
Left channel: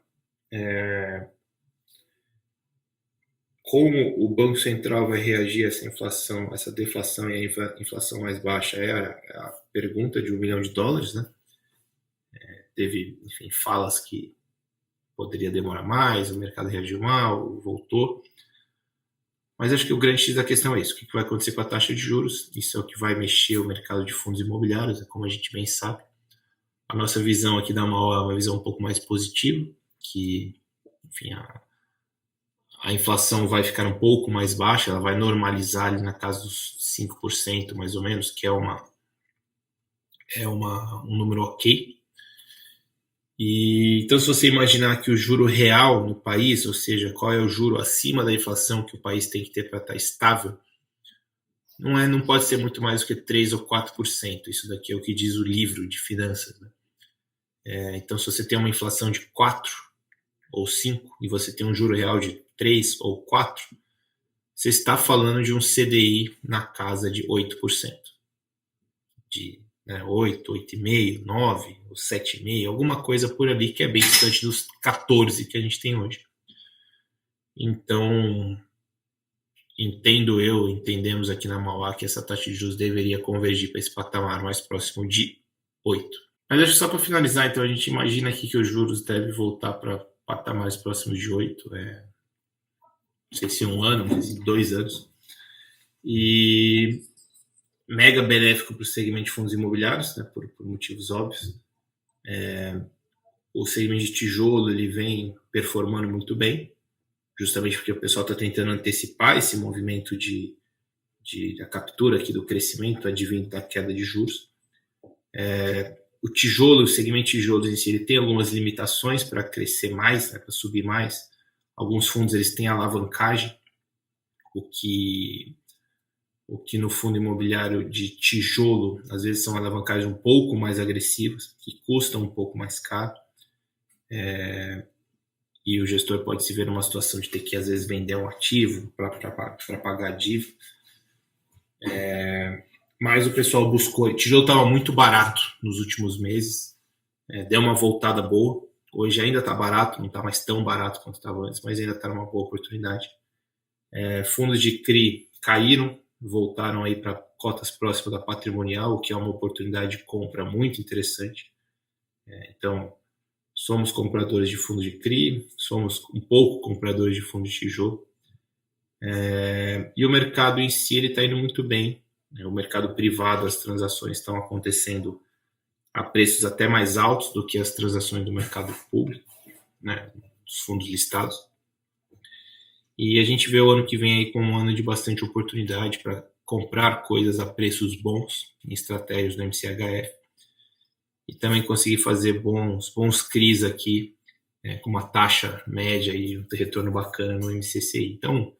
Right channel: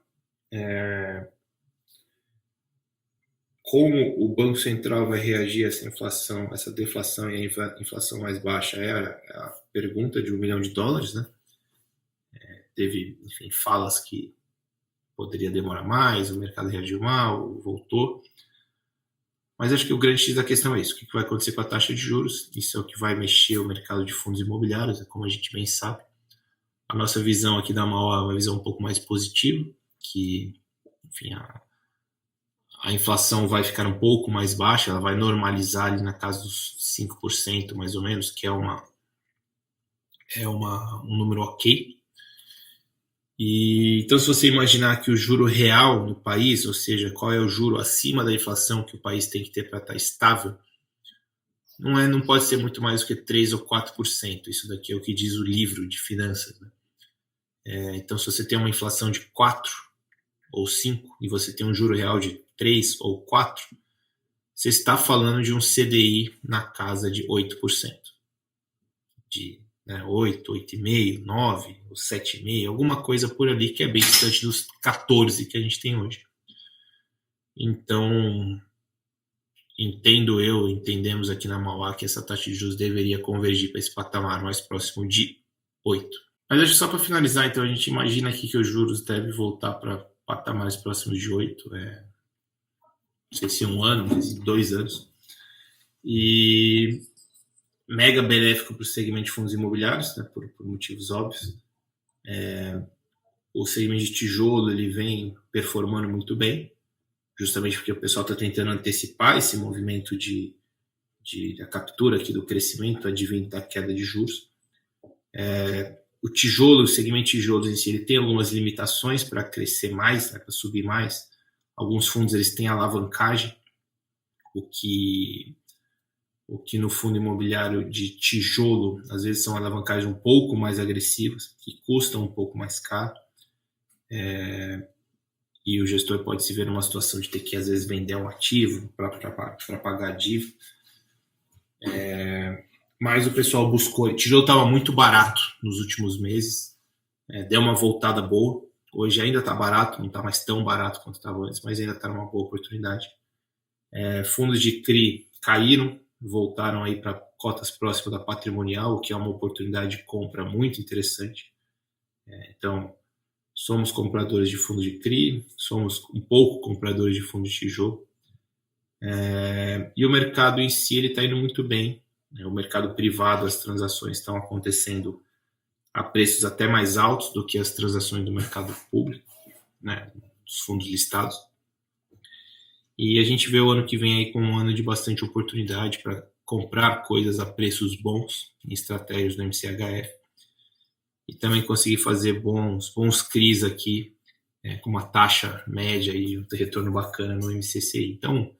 Como o Banco Central vai reagir a essa inflação, essa deflação e a inflação mais baixa é a pergunta de $1 milhão, né? Teve, enfim, falas que poderia demorar mais, o mercado reagiu mal, voltou. Mas acho que o grande X da questão é isso. O que vai acontecer com a taxa de juros? Isso é o que vai mexer o mercado de fundos imobiliários, como a gente bem sabe. A nossa visão aqui da Mauá é uma visão um pouco mais positiva, que, enfim, a inflação vai ficar um pouco mais baixa, ela vai normalizar ali na casa dos 5%, mais ou menos, que é um número ok. Então, se você imaginar que o juro real no país, ou seja, qual é o juro acima da inflação que o país tem que ter para estar estável, não pode ser muito mais do que 3 ou 4%. Isso daqui é o que diz o livro de finanças, né? Então, se você tem uma inflação de 4 ou 5 e você tem um juro real de 3 ou 4, você está falando de um CDI na casa de 8%. De 8, 8,5, 9, ou 7,5, alguma coisa por ali que é bem distante dos 14 que a gente tem hoje. Então, entendemos aqui na Mauá que essa taxa de juros deveria convergir para esse patamar mais próximo de 8. Mas acho que só para finalizar, então, a gente imagina aqui que os juros devem voltar para patamares próximos de 8, não sei se 1 ano, mas 2 anos. E mega benéfico para o segmento de fundos imobiliários, né, por motivos óbvios. O segmento de tijolo ele vem performando muito bem, justamente porque o pessoal está tentando antecipar esse movimento da captura aqui do crescimento advindo da queda de juros. O tijolo, o segmento de tijolos em si, ele tem algumas limitações para crescer mais, né, para subir mais. Alguns fundos eles têm alavancagem, o que no fundo imobiliário de tijolo, às vezes são alavancagens um pouco mais agressivas, que custam um pouco mais caro. E o gestor pode se ver numa situação de ter que, às vezes, vender um ativo para pagar a dívida. Mas o pessoal buscou. O tijolo estava muito barato nos últimos meses, deu uma voltada boa. Hoje ainda está barato, não está mais tão barato quanto estava antes, mas ainda está numa boa oportunidade. Fundos de CRI caíram, voltaram aí para cotas próximas da patrimonial, o que é uma oportunidade de compra muito interessante. Então, somos compradores de fundos de CRI, somos um pouco compradores de fundos de tijolo. E o mercado em si está indo muito bem. O mercado privado, as transações estão acontecendo a preços até mais altos do que as transações do mercado público, né, dos fundos listados. E a gente vê o ano que vem aí como um ano de bastante oportunidade para comprar coisas a preços bons em estratégias do MCHF. e também conseguir fazer bons CRIs aqui, com uma taxa média e um retorno bacana no MCCI. Então,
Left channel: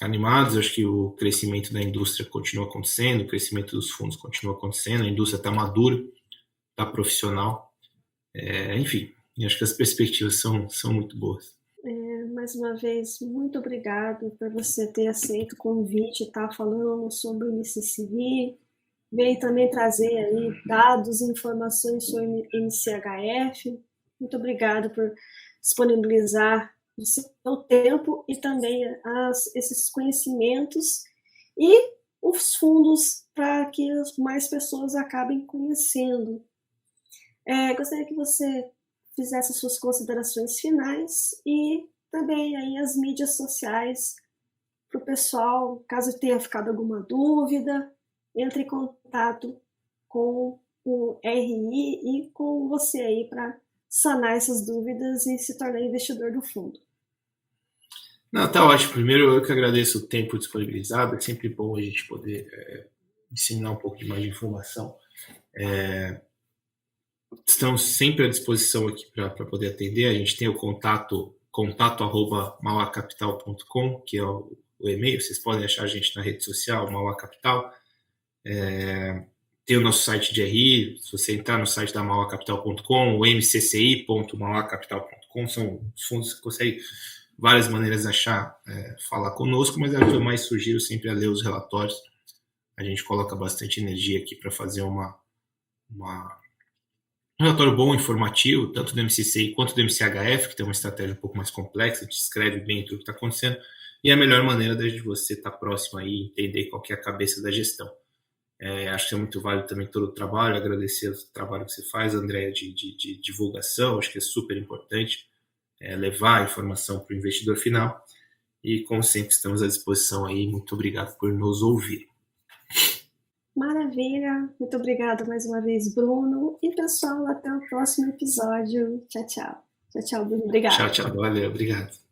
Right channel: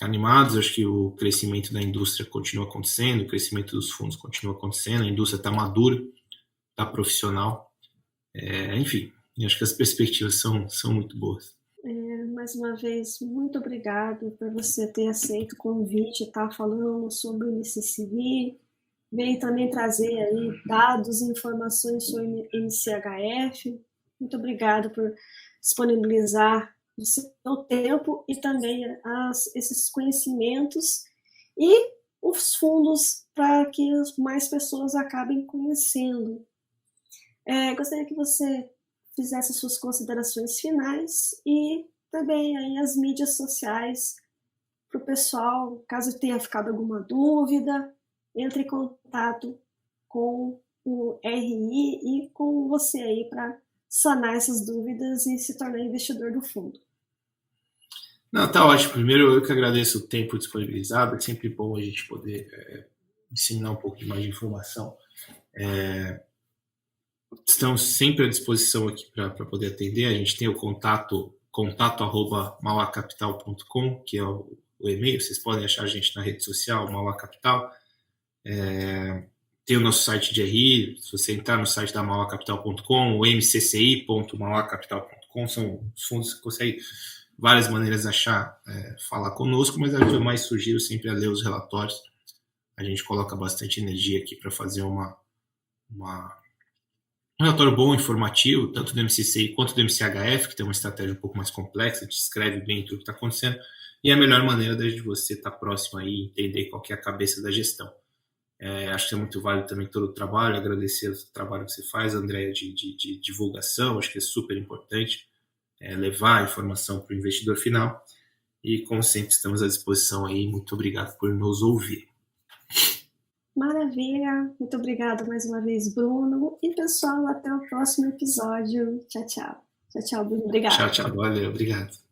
animados, acho que o crescimento da indústria continua acontecendo, o crescimento dos fundos continua acontecendo, a indústria está madura, está profissional, enfim, acho que as perspectivas são muito boas. Mais uma vez, muito obrigado por você ter aceito o convite, estar falando sobre o MCCI, veio também trazer aí dados e informações sobre o MCHF. Muito obrigado por disponibilizar o seu tempo e também esses conhecimentos e os fundos para que mais pessoas acabem conhecendo. Gostaria que você fizesse as suas considerações finais e também aí as mídias sociais para o pessoal, caso tenha ficado alguma dúvida, entre em contato com o RI e com você aí para sanar essas dúvidas e se tornar investidor do fundo. Não, tá ótimo. Primeiro, eu que agradeço o tempo disponibilizado. É sempre bom a gente poder disseminar um pouco de mais de informação. Estamos sempre à disposição aqui para poder atender. A gente tem o contato@mauacapital.com, que é o e-mail. Vocês podem achar a gente na rede social, Mauá Capital. Tem o nosso site de RI. Se você entrar no site da mauacapital.com, o mcci.mauacapital.com, são os fundos que conseguem várias maneiras de achar, falar conosco, mas a que eu mais sugiro sempre é ler os relatórios. A gente coloca bastante energia aqui para fazer um relatório bom, informativo, tanto do MCCI quanto do MCHF, que tem uma estratégia um pouco mais complexa, descreve bem tudo o que está acontecendo, e é a melhor maneira de você estar próximo aí e entender qual que é a cabeça da gestão. Acho que é muito válido também todo o trabalho, agradecer o trabalho que você faz, Andréia, de divulgação, acho que é super importante. Levar a informação para o investidor final. E, como sempre, estamos à disposição aí. Muito obrigado por nos ouvir. Maravilha. Muito obrigada mais uma vez, Bruno. E, pessoal, até o próximo episódio. Tchau, tchau. Tchau, tchau, Bruno. Obrigado. Tchau, tchau. Valeu. Obrigado.